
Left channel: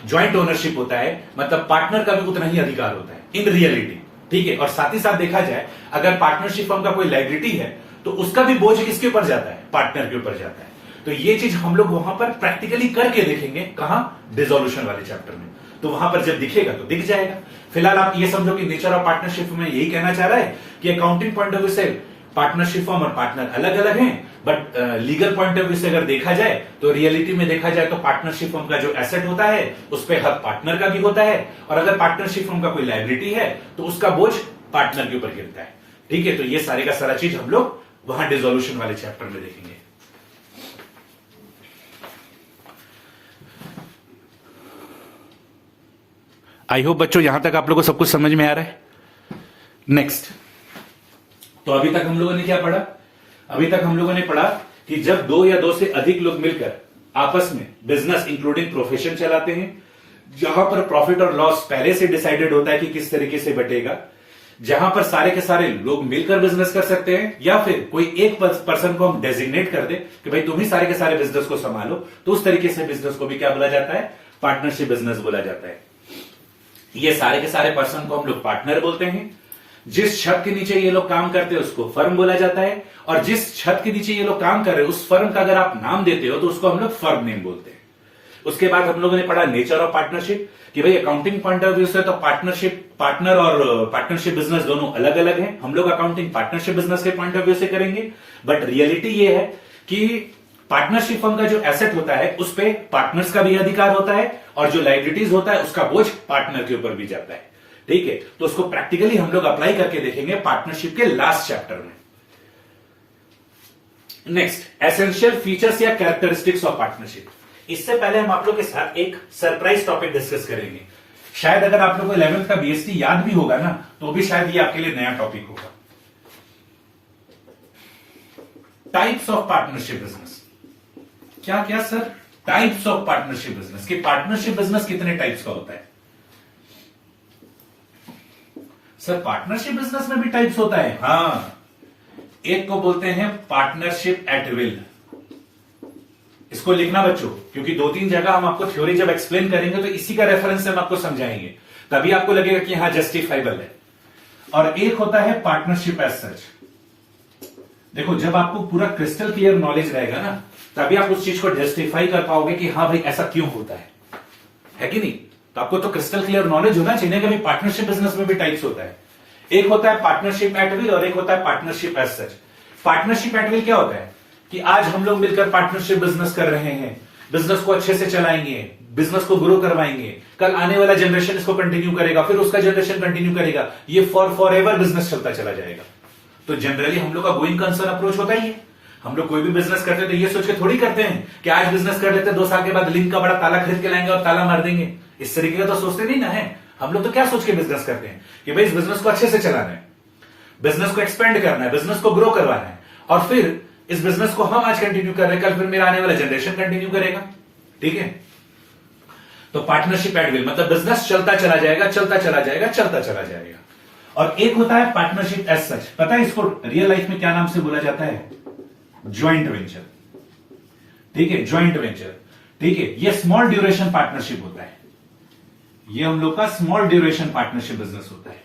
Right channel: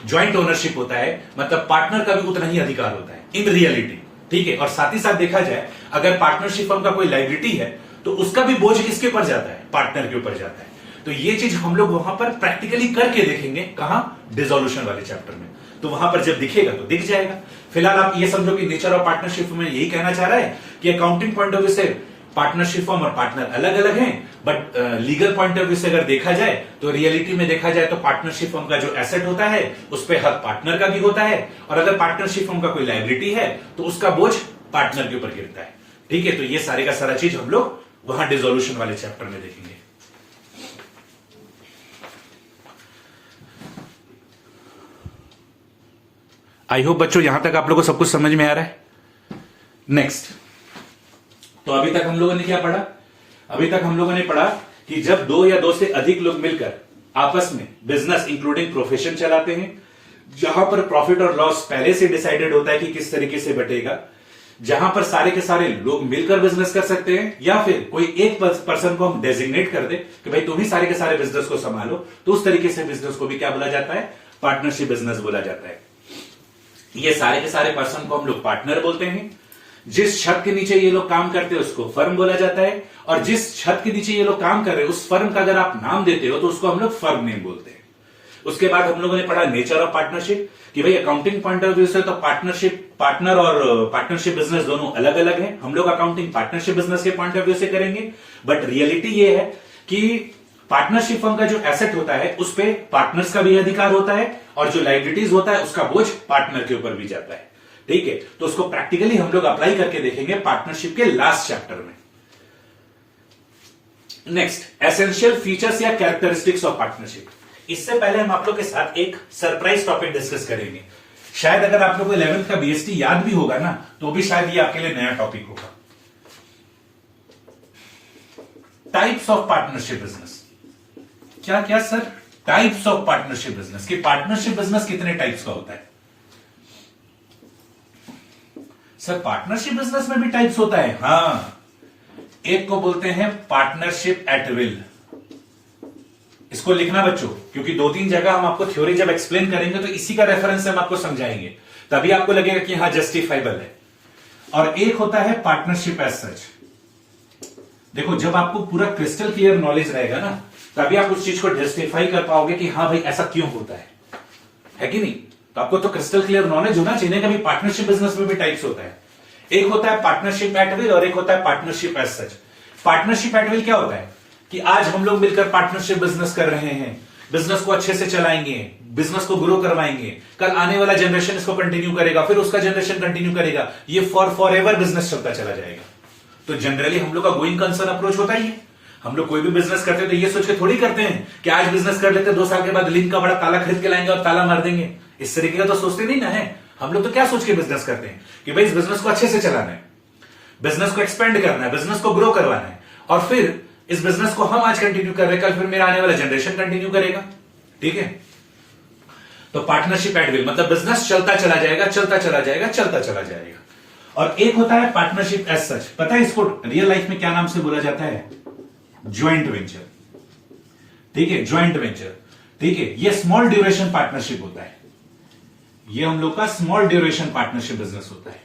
ज्वाइंट ओनरशिप होता है, मतलब पार्टनर का भी उतना ही अधिकार होता है इन रियलिटी, ठीक है। और साथ ही साथ देखा जाए अगर पार्टनरशिप फर्म का कोई लायबिलिटी है तो उसका भी बोझ किसके ऊपर जाता है? पार्टनर के ऊपर जाता है। तो ये चीज हम लोग वहां पर प्रैक्टिकली करके देखेंगे, कहां? डिसोल्यूशन वाले चैप्टर में। तो वहां पर जब दिखेगा तो दिख जाएगा। फिलहाल आप ये समझो कि नेचर ऑफ पार्टनरशिप में यही कहना चाह रहा है कि अकाउंटिंग पॉइंट ऑफ व्यू से पार्टनरशिप फर्म और पार्टनर अलग अलग हैं, but legal point of view से अगर देखा जाए तो रियलिटी में देखा जाए तो पार्टनरशिप फर्म का जो एसेट होता है उस पर हक पार्टनर का भी होता है, और अगर पार्टनरशिप फर्म का कोई लायबिलिटी है तो उसका बोझ पार्टनर के ऊपर गिरता है, ठीक है। तो ये सारे का सारा चीज हम लोग वहां डिसोल्यूशन वाले चैप्टर में देखेंगे। आई होप बच्चों यहां तक आप लोगों को सब कुछ समझ में आ रहा है। नेक्स्ट, तो अभी तक हम लोगों ने क्या पढ़ा? अभी तक हम लोगों ने पढ़ा कि जब दो या दो से अधिक लोग मिलकर आपस में बिजनेस इंक्लूडिंग प्रोफेशन चलाते हैं, जहां पर प्रॉफिट और लॉस पहले से डिसाइडेड होता है कि किस तरीके से बटेगा, जहां पर सारे के सारे लोग मिलकर बिजनेस कर सकते हैं, या फिर कोई एक पर्सन को हम डेजिग्नेट कर दे कि भाई तुम ही सारे के सारे बिजनेस को संभालो, तो उस तरीके से बिजनेस को भी क्या बोला जाता है? पार्टनरशिप बिजनेस बोला जाता है। ये सारे के सारे पर्सन को हम लोग पार्टनर बोलते हैं। जिस छत के नीचे ये लोग काम करते हैं उसको फर्म बोला जाता है, और जिस छत के नीचे ये लोग काम कर रहे हैं उस फर्म का अगर आप नाम देते हो तो उसको हम लोग फर्म नेम बोलते हैं। उसके बाद हम लोगों ने पढ़ा नेचर ऑफ पार्टनरशिप, कि भाई अकाउंटिंग पॉइंट ऑफ व्यू से तो पार्टनर और पार्टनरशिप बिजनेस दोनों अलग अलग हैं। हम लोग अकाउंटिंग पार्टनरशिप बिजनेस के पॉइंट ऑफ व्यू से करेंगे, बट रियलिटी ये है कि पार्टनरशिप फर्म का जो एसेट होता है उस पे पार्टनर्स का भी अधिकार होता है, और जो लायबिलिटीज होता है उसका बोझ पार्टनर के ऊपर भी जाता है, ठीक है। तो उसको प्रैक्टिकली हम लोग अप्लाई करके देखेंगे पार्टनरशिप के लास्ट चैप्टर में। नेक्स्ट, एसेंशियल फीचर्स या कैरेक्टरिस्टिक्स ऑफ पार्टनरशिप। इससे पहले हम आप लोग के साथ एक सरप्राइज टॉपिक डिस्कस करेंगे। शायद अगर आप लोग को 11th का बीएसटी याद भी होगा ना, तो भी शायद ये आपके लिए नया टॉपिक होगा। Types of partnership business. क्या क्या sir? Types of partnership business, कि पार्टनरशिप बिजनेस कितने टाइप्स का होता है? सर पार्टनरशिप बिजनेस में भी टाइप्स होता है। हाँ, एक को बोलते हैं पार्टनरशिप एट विल। इसको लिखना बच्चों, क्योंकि 2-3 जगह हम आपको थ्योरी जब एक्सप्लेन करेंगे तो इसी का रेफरेंस से हम आपको समझाएंगे, तभी आपको लगेगा कि हाँ जस्टिफाइबल है। और एक होता है पार्टनरशिप एज सच। देखो, जब आपको पूरा क्रिस्टल क्लियर नॉलेज रहेगा ना, तभी आप उस चीज को जस्टिफाई कर पाओगे कि हाँ भाई ऐसा क्यों होता है कि नहीं। तो आपको तो क्रिस्टल क्लियर नॉलेज होना चाहिए कि भाई पार्टनरशिप बिजनेस में भी टाइप्स होता है। एक होता है पार्टनरशिप एट विल और एक होता है partnership as such. Partnership at will क्या होता है कि आज हम लोग मिलकर पार्टनरशिप बिजनेस कर रहे हैं, बिजनेस को अच्छे से चलाएंगे, बिजनेस को ग्रो करवाएंगे, कल आने वाला जनरेशन इसको कंटिन्यू करेगा, फिर उसका जनरेशन कंटिन्यू करेगा, ये फॉर एवर बिजनेस चलता चला जाएगा। तो जनरली हम लोग का गोइंग कंसर्न अप्रोच होता ही है। हम लोग कोई भी बिजनेस करते हैं तो ये सोच के थोड़ी करते हैं कि आज बिजनेस कर लेते हैं, 2 साल के बाद लिंक का बड़ा ताला खरीद के लाएंगे और ताला मार देंगे। इस तरीके का तो सोचते नहीं ना है। हम लोग तो क्या सोच के बिजनेस करते हैं कि भाई इस बिजनेस को अच्छे से चलाना है, बिजनेस को एक्सपेंड करना है, बिजनेस को ग्रो करवाना है, और फिर इस बिजनेस को हम आज कंटिन्यू कर रहे हैं, कल फिर मेरा आने वाला जनरेशन कंटिन्यू करेगा, ठीक है। तो पार्टनरशिप एट विल मतलब बिजनेस चलता चला जाएगा, चलता चला जाएगा, चलता चला जाएगा। और एक होता है पार्टनरशिप एज सच। पता है इसको रियल लाइफ में क्या नाम से बोला जाता है? ज्वाइंट वेंचर, ठीक है, ज्वाइंट वेंचर, ठीक है। ये स्मॉल ड्यूरेशन पार्टनरशिप होता है। ये हम लोग का स्मॉल ड्यूरेशन पार्टनरशिप बिजनेस होता है।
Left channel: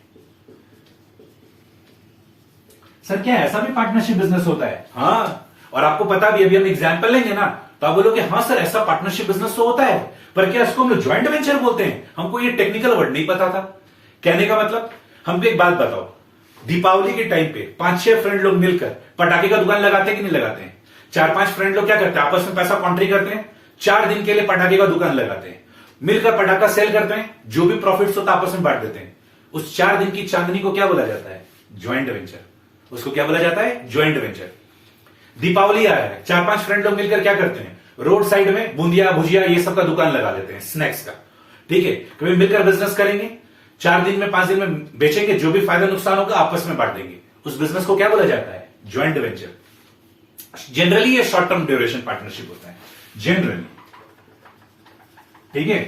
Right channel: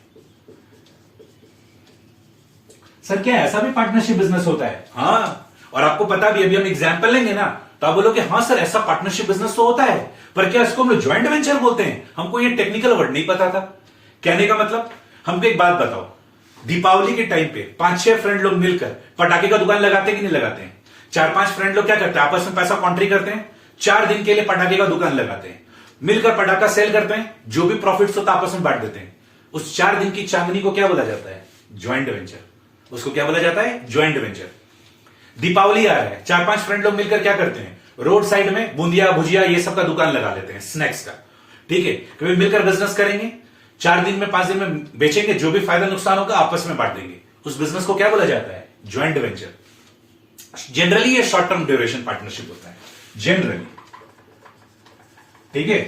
सर क्या ऐसा भी पार्टनरशिप बिजनेस होता है? हाँ, और आपको पता भी, अभी हम एग्जांपल लेंगे ना तो आप बोलोगे हाँ सर ऐसा पार्टनरशिप बिजनेस तो होता है, पर क्या इसको हम लोग ज्वाइंट वेंचर बोलते हैं? हमको ये टेक्निकल वर्ड नहीं पता था। कहने का मतलब, हमको एक बात बताओ, दीपावली के टाइम पे 5-6 फ्रेंड लोग मिलकर पटाखे का दुकान लगाते हैं कि नहीं लगाते हैं? 4-5 फ्रेंड लोग क्या करते हैं? आपस में पैसा कॉन्ट्री करते हैं, 4 दिन के लिए पटाखे का दुकान लगाते हैं, मिलकर पटाखा सेल करते हैं, जो भी प्रॉफिट्स होता है आपस में बांट देते हैं। उस 4 दिन की चांदनी को क्या बोला जाता है? Joint venture. उसको क्या बोला जाता है? Joint venture. दीपावली आ रहा है, 4-5 फ्रेंड लोग मिलकर क्या करते हैं? रोड साइड में बूंदिया भुजिया ये सब का दुकान लगा लेते हैं, स्नैक्स का, ठीक है, कभी मिलकर बिजनेस करेंगे, 4 दिन में 5 दिन में बेचेंगे, जो भी फायदा नुकसान होगा आपस में बांट देंगे। उस बिजनेस को क्या बोला जाता है? Joint venture. जनरली ये शॉर्ट टर्म ड्यूरेशन पार्टनरशिप होता है, जनरली, ठीक है।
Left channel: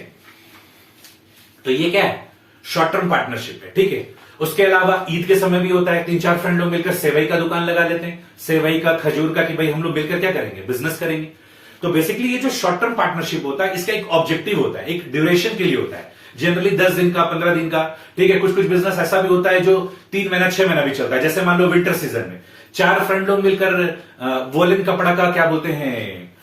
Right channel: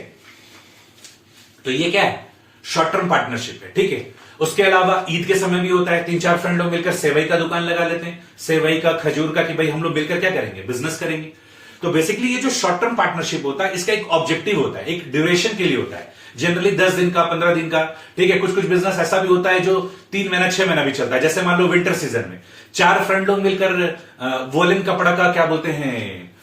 तो ये क्या है? शॉर्ट टर्म पार्टनरशिप है, ठीक है। उसके अलावा ईद के समय भी होता है, 3-4 फ्रेंड लोग मिलकर सेवई का दुकान लगा लेते हैं, सेवई का, खजूर का, कि भाई हम लोग मिलकर क्या करेंगे? बिजनेस करेंगे। तो बेसिकली ये जो शॉर्ट टर्म पार्टनरशिप होता है, इसका एक ऑब्जेक्टिव होता है, एक ड्यूरेशन के लिए होता है, जनरली 10 दिन का, 15 दिन का, ठीक है। कुछ कुछ बिजनेस ऐसा भी होता है जो 3 महीना, 6 महीना भी चलता है। जैसे मान लो विंटर सीजन में 4 फ्रेंड लोग मिलकर वोलन कपड़ा का क्या बोलते हैं,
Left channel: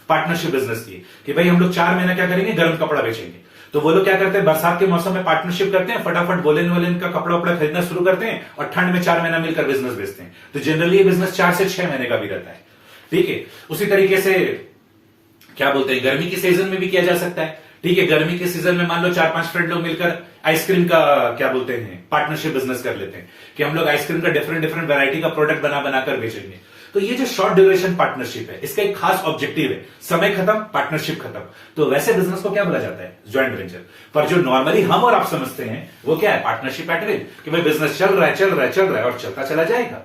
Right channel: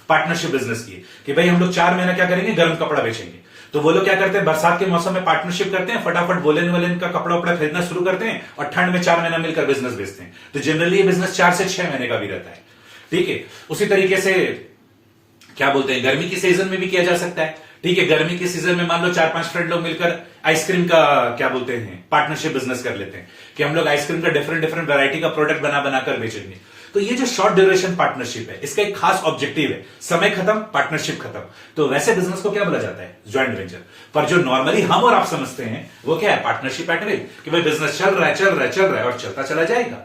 पार्टनरशिप बिजनेस की, कि भाई हम लोग 4 महीना क्या करेंगे? गर्म कपड़ा बेचेंगे। तो वो लोग क्या करते हैं? बरसात के मौसम में पार्टनरशिप करते हैं, फटाफट वोलन का कपड़ा उपड़ा खरीदना शुरू करते हैं और ठंड में 4 महीना मिलकर बिजनेस बेचते हैं। तो जनरली ये बिजनेस 4 से 6 महीने का भी रहता है, ठीक है। उसी तरीके से क्या बोलते हैं, गर्मी की सीजन में भी किया जा सकता है, ठीक है। गर्मी के सीजन में मान लो 4-5 फ्रेंड लोग मिलकर आइसक्रीम का क्या बोलते हैं, पार्टनरशिप बिजनेस कर लेते हैं, कि हम लोग आइसक्रीम का डिफरेंट डिफरेंट वैरायटी का प्रोडक्ट बनाकर बेचेंगे। तो ये जो शॉर्ट ड्यूरेशन पार्टनरशिप है, इसका एक खास ऑब्जेक्टिव है, समय खत्म, पार्टनरशिप खत्म। तो वैसे बिजनेस को क्या बोला जाता है? Joint venture. पर जो नॉर्मली हम और आप समझते हैं वो क्या है? पार्टनरशिप एट विल, कि भाई बिजनेस चल रहा है और चलता चला जाएगा।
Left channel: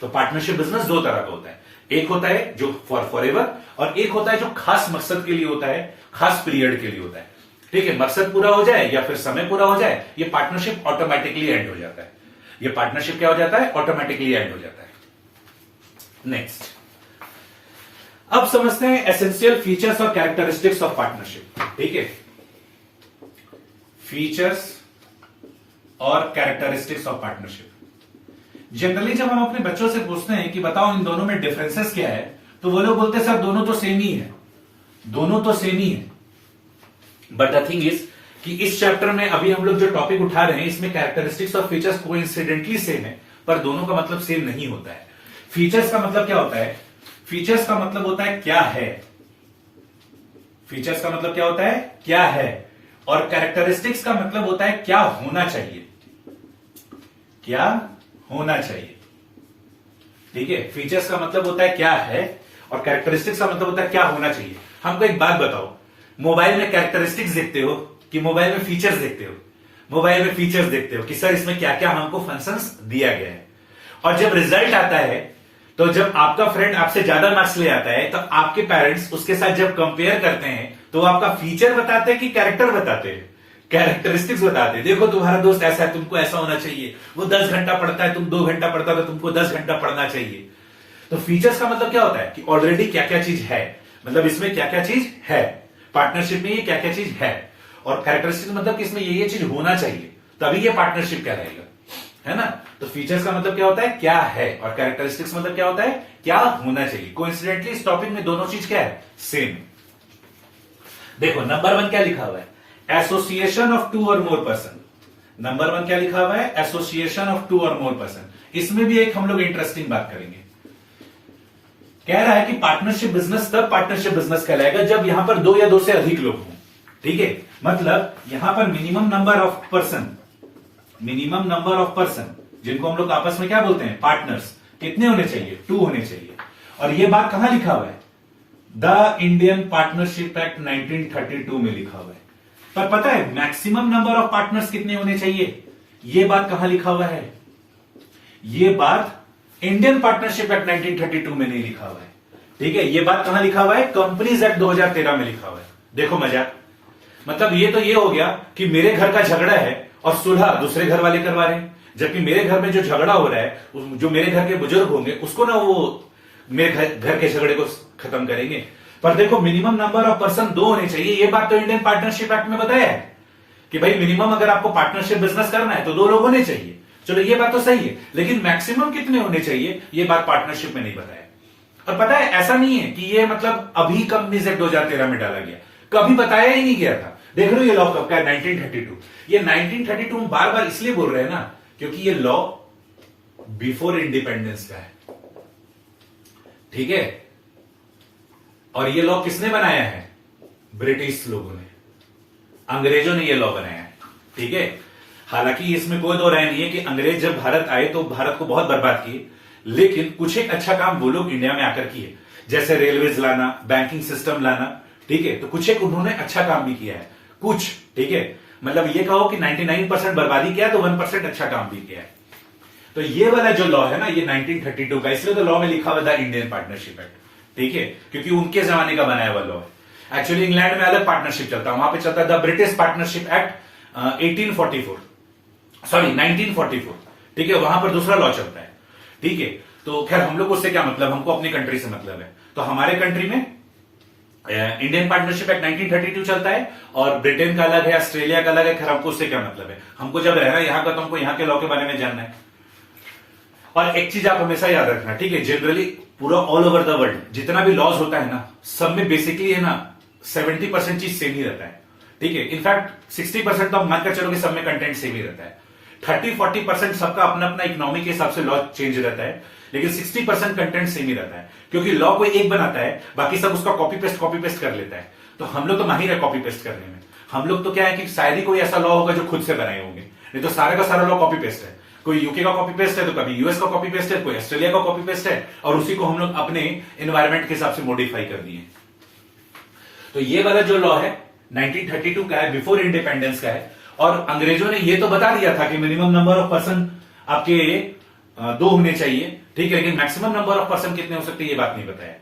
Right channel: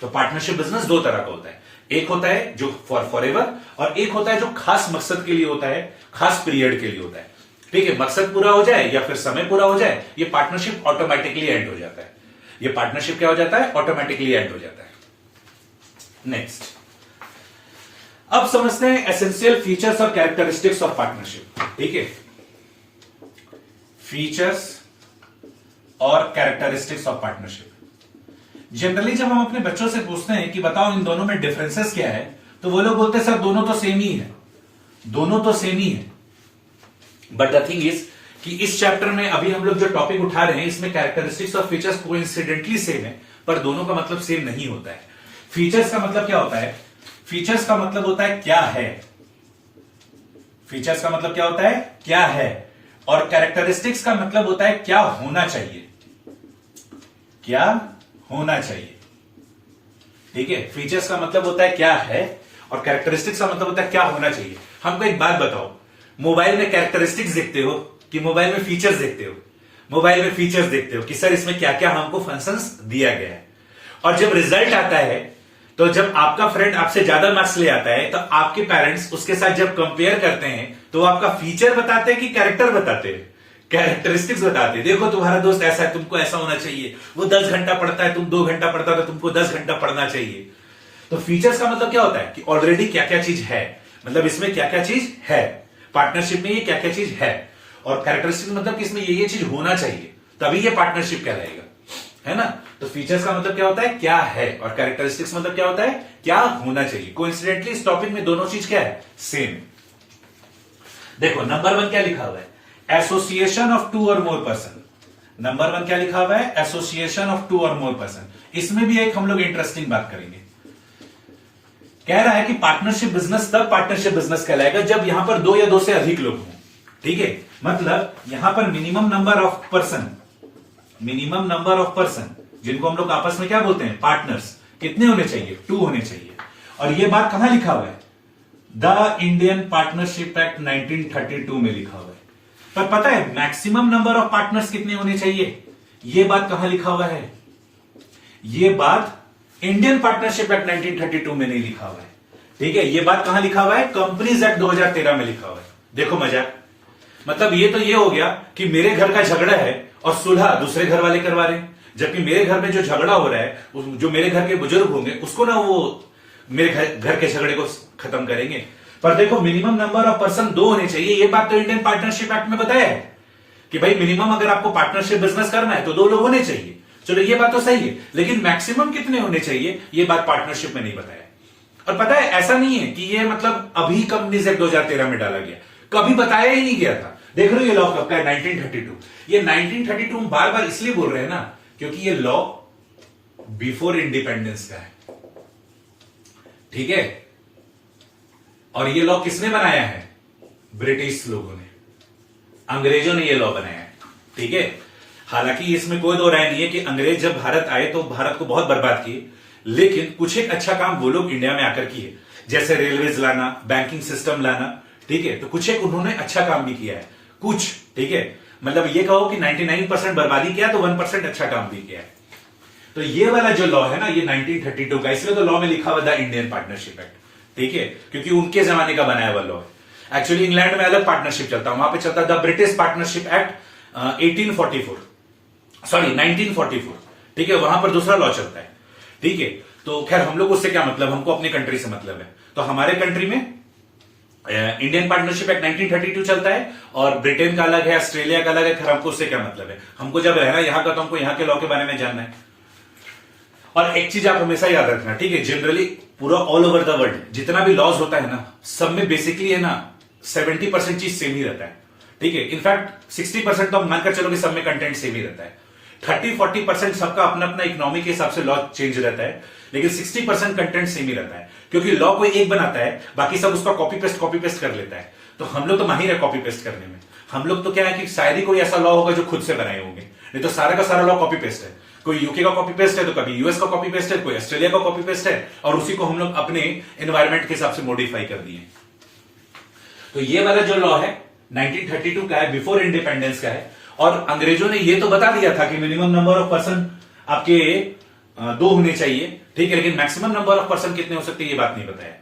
तो पार्टनरशिप बिजनेस 2 तरह का होता है, एक होता है जो फॉर एवर, और एक होता है जो खास मकसद के लिए होता है, खास पीरियड के लिए होता है, ठीक है। मकसद पूरा हो जाए या फिर समय पूरा हो जाए, ये पार्टनरशिप ऑटोमेटिकली एंड हो जाता है। ये पार्टनरशिप क्या हो जाता है? ऑटोमेटिकली एंड हो जाता है। नेक्स्ट, अब समझते हैं एसेंशियल फीचर्स और कैरेक्टरिस्टिक्स ऑफ पार्टनरशिप, ठीक है। फीचर्स और कैरेक्टरिस्टिक्स ऑफ पार्टनरशिप। जनरली जब हम अपने बच्चों से पूछते हैं कि बताओ इन दोनों में डिफरेंसेस क्या है, तो वो लोग बोलते हैं सर दोनों तो सेम ही है, दोनों तो सेम ही है। बट द थिंग इज कि इस चैप्टर में अभी हम लोग जो टॉपिक उठा रहे हैं, इसमें कैरेक्टरिस्टिक्स और फीचर्स कोइंसिडेंटली सेम है, पर दोनों का मतलब सेम नहीं होता है। फीचर्स का मतलब क्या होता है? फीचर्स का मतलब होता है क्या है, फीचर्स का मतलब क्या होता है? क्या है। और कैरेक्टरिस्टिक्स का मतलब होता है क्या होना चाहिए, क्या होना चाहिए, ठीक है। फीचर्स का मतलब होता है क्या है और कैरेक्टरिस्टिक्स का मतलब होता है क्या होना चाहिए। हमको एक बात बताओ, मोबाइल में कैरेक्टरिस्टिक्स देखते हो कि मोबाइल में फीचर्स देखते हो? मोबाइल में फीचर्स देखते हो कि सर इसमें क्या क्या हमको फंक्शंस दिया गया है। और जब रिजल्ट आता है, तो जब आपका फ्रेंड आपसे ज्यादा मार्क्स ले आता है, तो आपके पेरेंट्स उसके साथ जब कंपेयर करते हैं, तो आपका फीचर बताते हैं कि कैरेक्टर बताते हैं? कैरेक्टरिस्टिक्स बताते हैं। देखो तुम्हारा दोस्त ऐसा है, तुमको ऐसा होना चाहिए, वो 10 घंटा पढ़ता है, तुम 2 घंटा पढ़ता है, तो तुमको 10 घंटा पढ़ना चाहिए। तो फीचर्स का मतलब क्या होता है? कि ऑलरेडी क्या क्या चीज है, मतलब इसमें क्या क्या चीज है, पार्टनरशिप में ये क्या क्या चीज है। और कैरेक्टरिस्टिक्स मतलब कि इसमें ये चीज होना चाहिए, तभी ये पार्टनरशिप कहलाएगा, है ना। तो फीचर्स का मतलब क्या होता है? क्या है। और कैरेक्टरिस्टिक्स मतलब क्या होता है? क्या होना चाहिए। कोइंसिडेंटली इस टॉपिक में दोनों चीज क्या है? सेम है। देखो नंबर 1 क्या लिखा हुआ है? एसोसिएशन ऑफ 2 और मोर पर्सन। नंबर 1 क्या लिखा हुआ है? एसोसिएशन ऑफ 2 और मोर पर्सन। इसमें भी एक हम लोग इंटरेस्टिंग बात करेंगे। कह रहा है कि पार्टनरशिप बिजनेस तब पार्टनरशिप बिजनेस कहलाएगा जब यहां पर 2 या 2 से अधिक लोग हों, ठीक है। मतलब यहां पर minimum number of person, minimum number of person जिनको हम लोग आपस में क्या बोलते हैं? पार्टनर्स, कितने होने चाहिए? 2 होने चाहिए। और यह बात कहां लिखा हुआ है? द इंडियन पार्टनरशिप एक्ट 1932 में लिखा हुआ है। पर पता है मैक्सिमम नंबर ऑफ पार्टनर्स कितने होने चाहिए? यह बात कहां लिखा हुआ है? यह बात इंडियन पार्टनरशिप एक्ट 1932 में नहीं लिखा हुआ है, ठीक है। यह बात कहां लिखा हुआ है? कंपनीज एक्ट 2013 में लिखा हुआ है। देखो मजाक, मतलब ये तो ये हो गया कि मेरे घर का झगड़ा है और सुलह दूसरे घर वाले करवा रहे हैं, जबकि मेरे घर में जो झगड़ा हो रहा है, जो मेरे घर के बुजुर्ग होंगे उसको ना वो मेरे घर के झगड़े को खत्म करेंगे। पर देखो मिनिमम नंबर ऑफ पर्सन 2 होने चाहिए, ये बात तो इंडियन पार्टनरशिप एक्ट में बताया है कि भाई मिनिमम अगर आपको पार्टनरशिप बिजनेस करना है तो 2 लोग होने चाहिए। चलो ये बात तो सही है, लेकिन मैक्सिमम कितने होने चाहिए ये बात पार्टनरशिप में नहीं बताया। और पता है ऐसा नहीं है कि ये मतलब अभी कंपनीज एक्ट 2013 में डाला गया, कभी बताया ही नहीं गया था। देख रहे हो ये लॉ कब का है? 1932। ये 1932 हम बार बार इसलिए बोल रहे हैं ना क्योंकि ये लॉ बिफोर इंडिपेंडेंस का है, ठीक है। और ये लॉ किसने बनाया है? ब्रिटिश लोगों ने, अंग्रेजों ने ये लॉ बनाया है, ठीक है। हालांकि इसमें कोई दो राय नहीं है कि अंग्रेज जब भारत आए तो भारत को बहुत बर्बाद किए, लेकिन कुछ एक अच्छा काम वो लोग इंडिया में आकर किए, जैसे रेलवेज लाना, बैंकिंग सिस्टम लाना, ठीक है। तो कुछ एक उन्होंने अच्छा काम भी किया है, कुछ, ठीक है। मतलब ये कहो कि 99% बर्बादी किया तो 1% अच्छा काम भी किया है। तो ये वाला जो लॉ है ना, ये 1932 का, इसलिए तो लॉ में लिखा हुआ था इंडियन पार्टनरशिप एक्ट, ठीक है, क्योंकि उनके जमाने का बनाया हुआ लॉ है। एक्चुअली इंग्लैंड में अलग पार्टनरशिप चलता है, वहां पे चलता है द ब्रिटिश पार्टनरशिप एक्ट 1944, ठीक है, वहां पर दूसरा लॉ चलता है, ठीक है। तो खैर हम लोग उससे क्या मतलब, हमको अपनी कंट्री से मतलब है। तो हमारे कंट्री में इंडियन पार्टनरशिप एक्ट 1932 चलता है और ब्रिटेन का अलग है, ऑस्ट्रेलिया का अलग है। खैर हमको उससे क्या मतलब है, हमको जब रहना यहां का तो हमको यहां के लॉ के बारे में जानना है। और एक चीज आप हमेशा याद रखना, ठीक है, जनरली पूरा ऑल ओवर द वर्ल्ड जितना भी लॉज होता है ना, सब में बेसिकली है ना 70% चीज सेम ही रहता है, ठीक है। इनफैक्ट 60% तो आप मानकर चलो कि सब में कंटेंट सेम ही रहता है। 30-40% सबका अपना अपना इकोनॉमी के हिसाब से लॉ चेंज रहता है, लेकिन 60% कंटेंट सेम ही रहता है, क्योंकि लॉ कोई एक बनाता है, बाकी सब उसका कॉपी पेस्ट कर लेता है। तो हम लोग तो माहिर है कॉपी पेस्ट करने में। हम लोग तो क्या है कि शायद ही कोई ऐसा लॉ होगा जो खुद से बनाए होंगे, नहीं तो सारे का सारा लॉ कॉपी पेस्ट है। कोई यूके का कॉपी पेस्ट है, तो कभी यूएस का कॉपी पेस्ट है, कोई ऑस्ट्रेलिया का कॉपी पेस्ट है, और उसी को हम लोग अपने एनवायरमेंट के हिसाब से मॉडिफाई कर दिए। तो ये वाला जो लॉ है 1932 का है, बिफोर इंडिपेंडेंस का है। और अंग्रेजों ने ये तो बता दिया था कि मिनिमम नंबर ऑफ पर्सन आपके 2 होने चाहिए, ठीक है, लेकिन मैक्सिमम नंबर ऑफ पर्सन कितने हो सकते हैं ये बात नहीं बताया।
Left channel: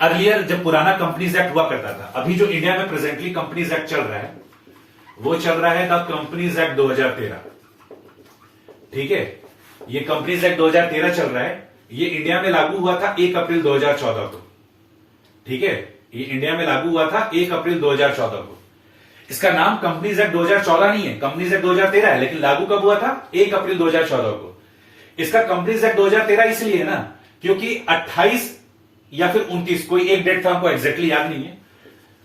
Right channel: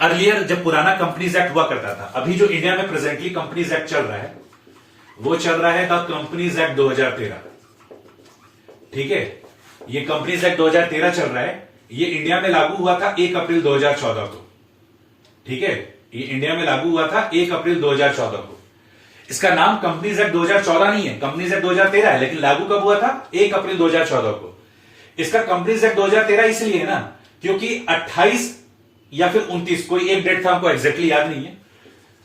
अर्लियर जब पुराना कंपनीज एक्ट हुआ करता था, अभी जो इंडिया में प्रेजेंटली कंपनीज एक्ट चल रहा है वो चल रहा है द कंपनीज एक्ट 2013, ठीक है। ये कंपनीज एक्ट 2013 चल रहा है, ये इंडिया में लागू हुआ था 1 अप्रैल 2014 को, ठीक है, ये इंडिया में लागू हुआ था 1 अप्रैल 2014 को। इसका नाम कंपनीज एक्ट 2014 नहीं है, कंपनीज एक्ट 2013 है, लेकिन लागू कब हुआ था? 1 अप्रैल 2014 को। इसका कंपनीज एक्ट 2013 इसलिए है ना क्योंकि 28 या फिर 29, कोई एक डेट था, हमको एग्जैक्टली याद नहीं है,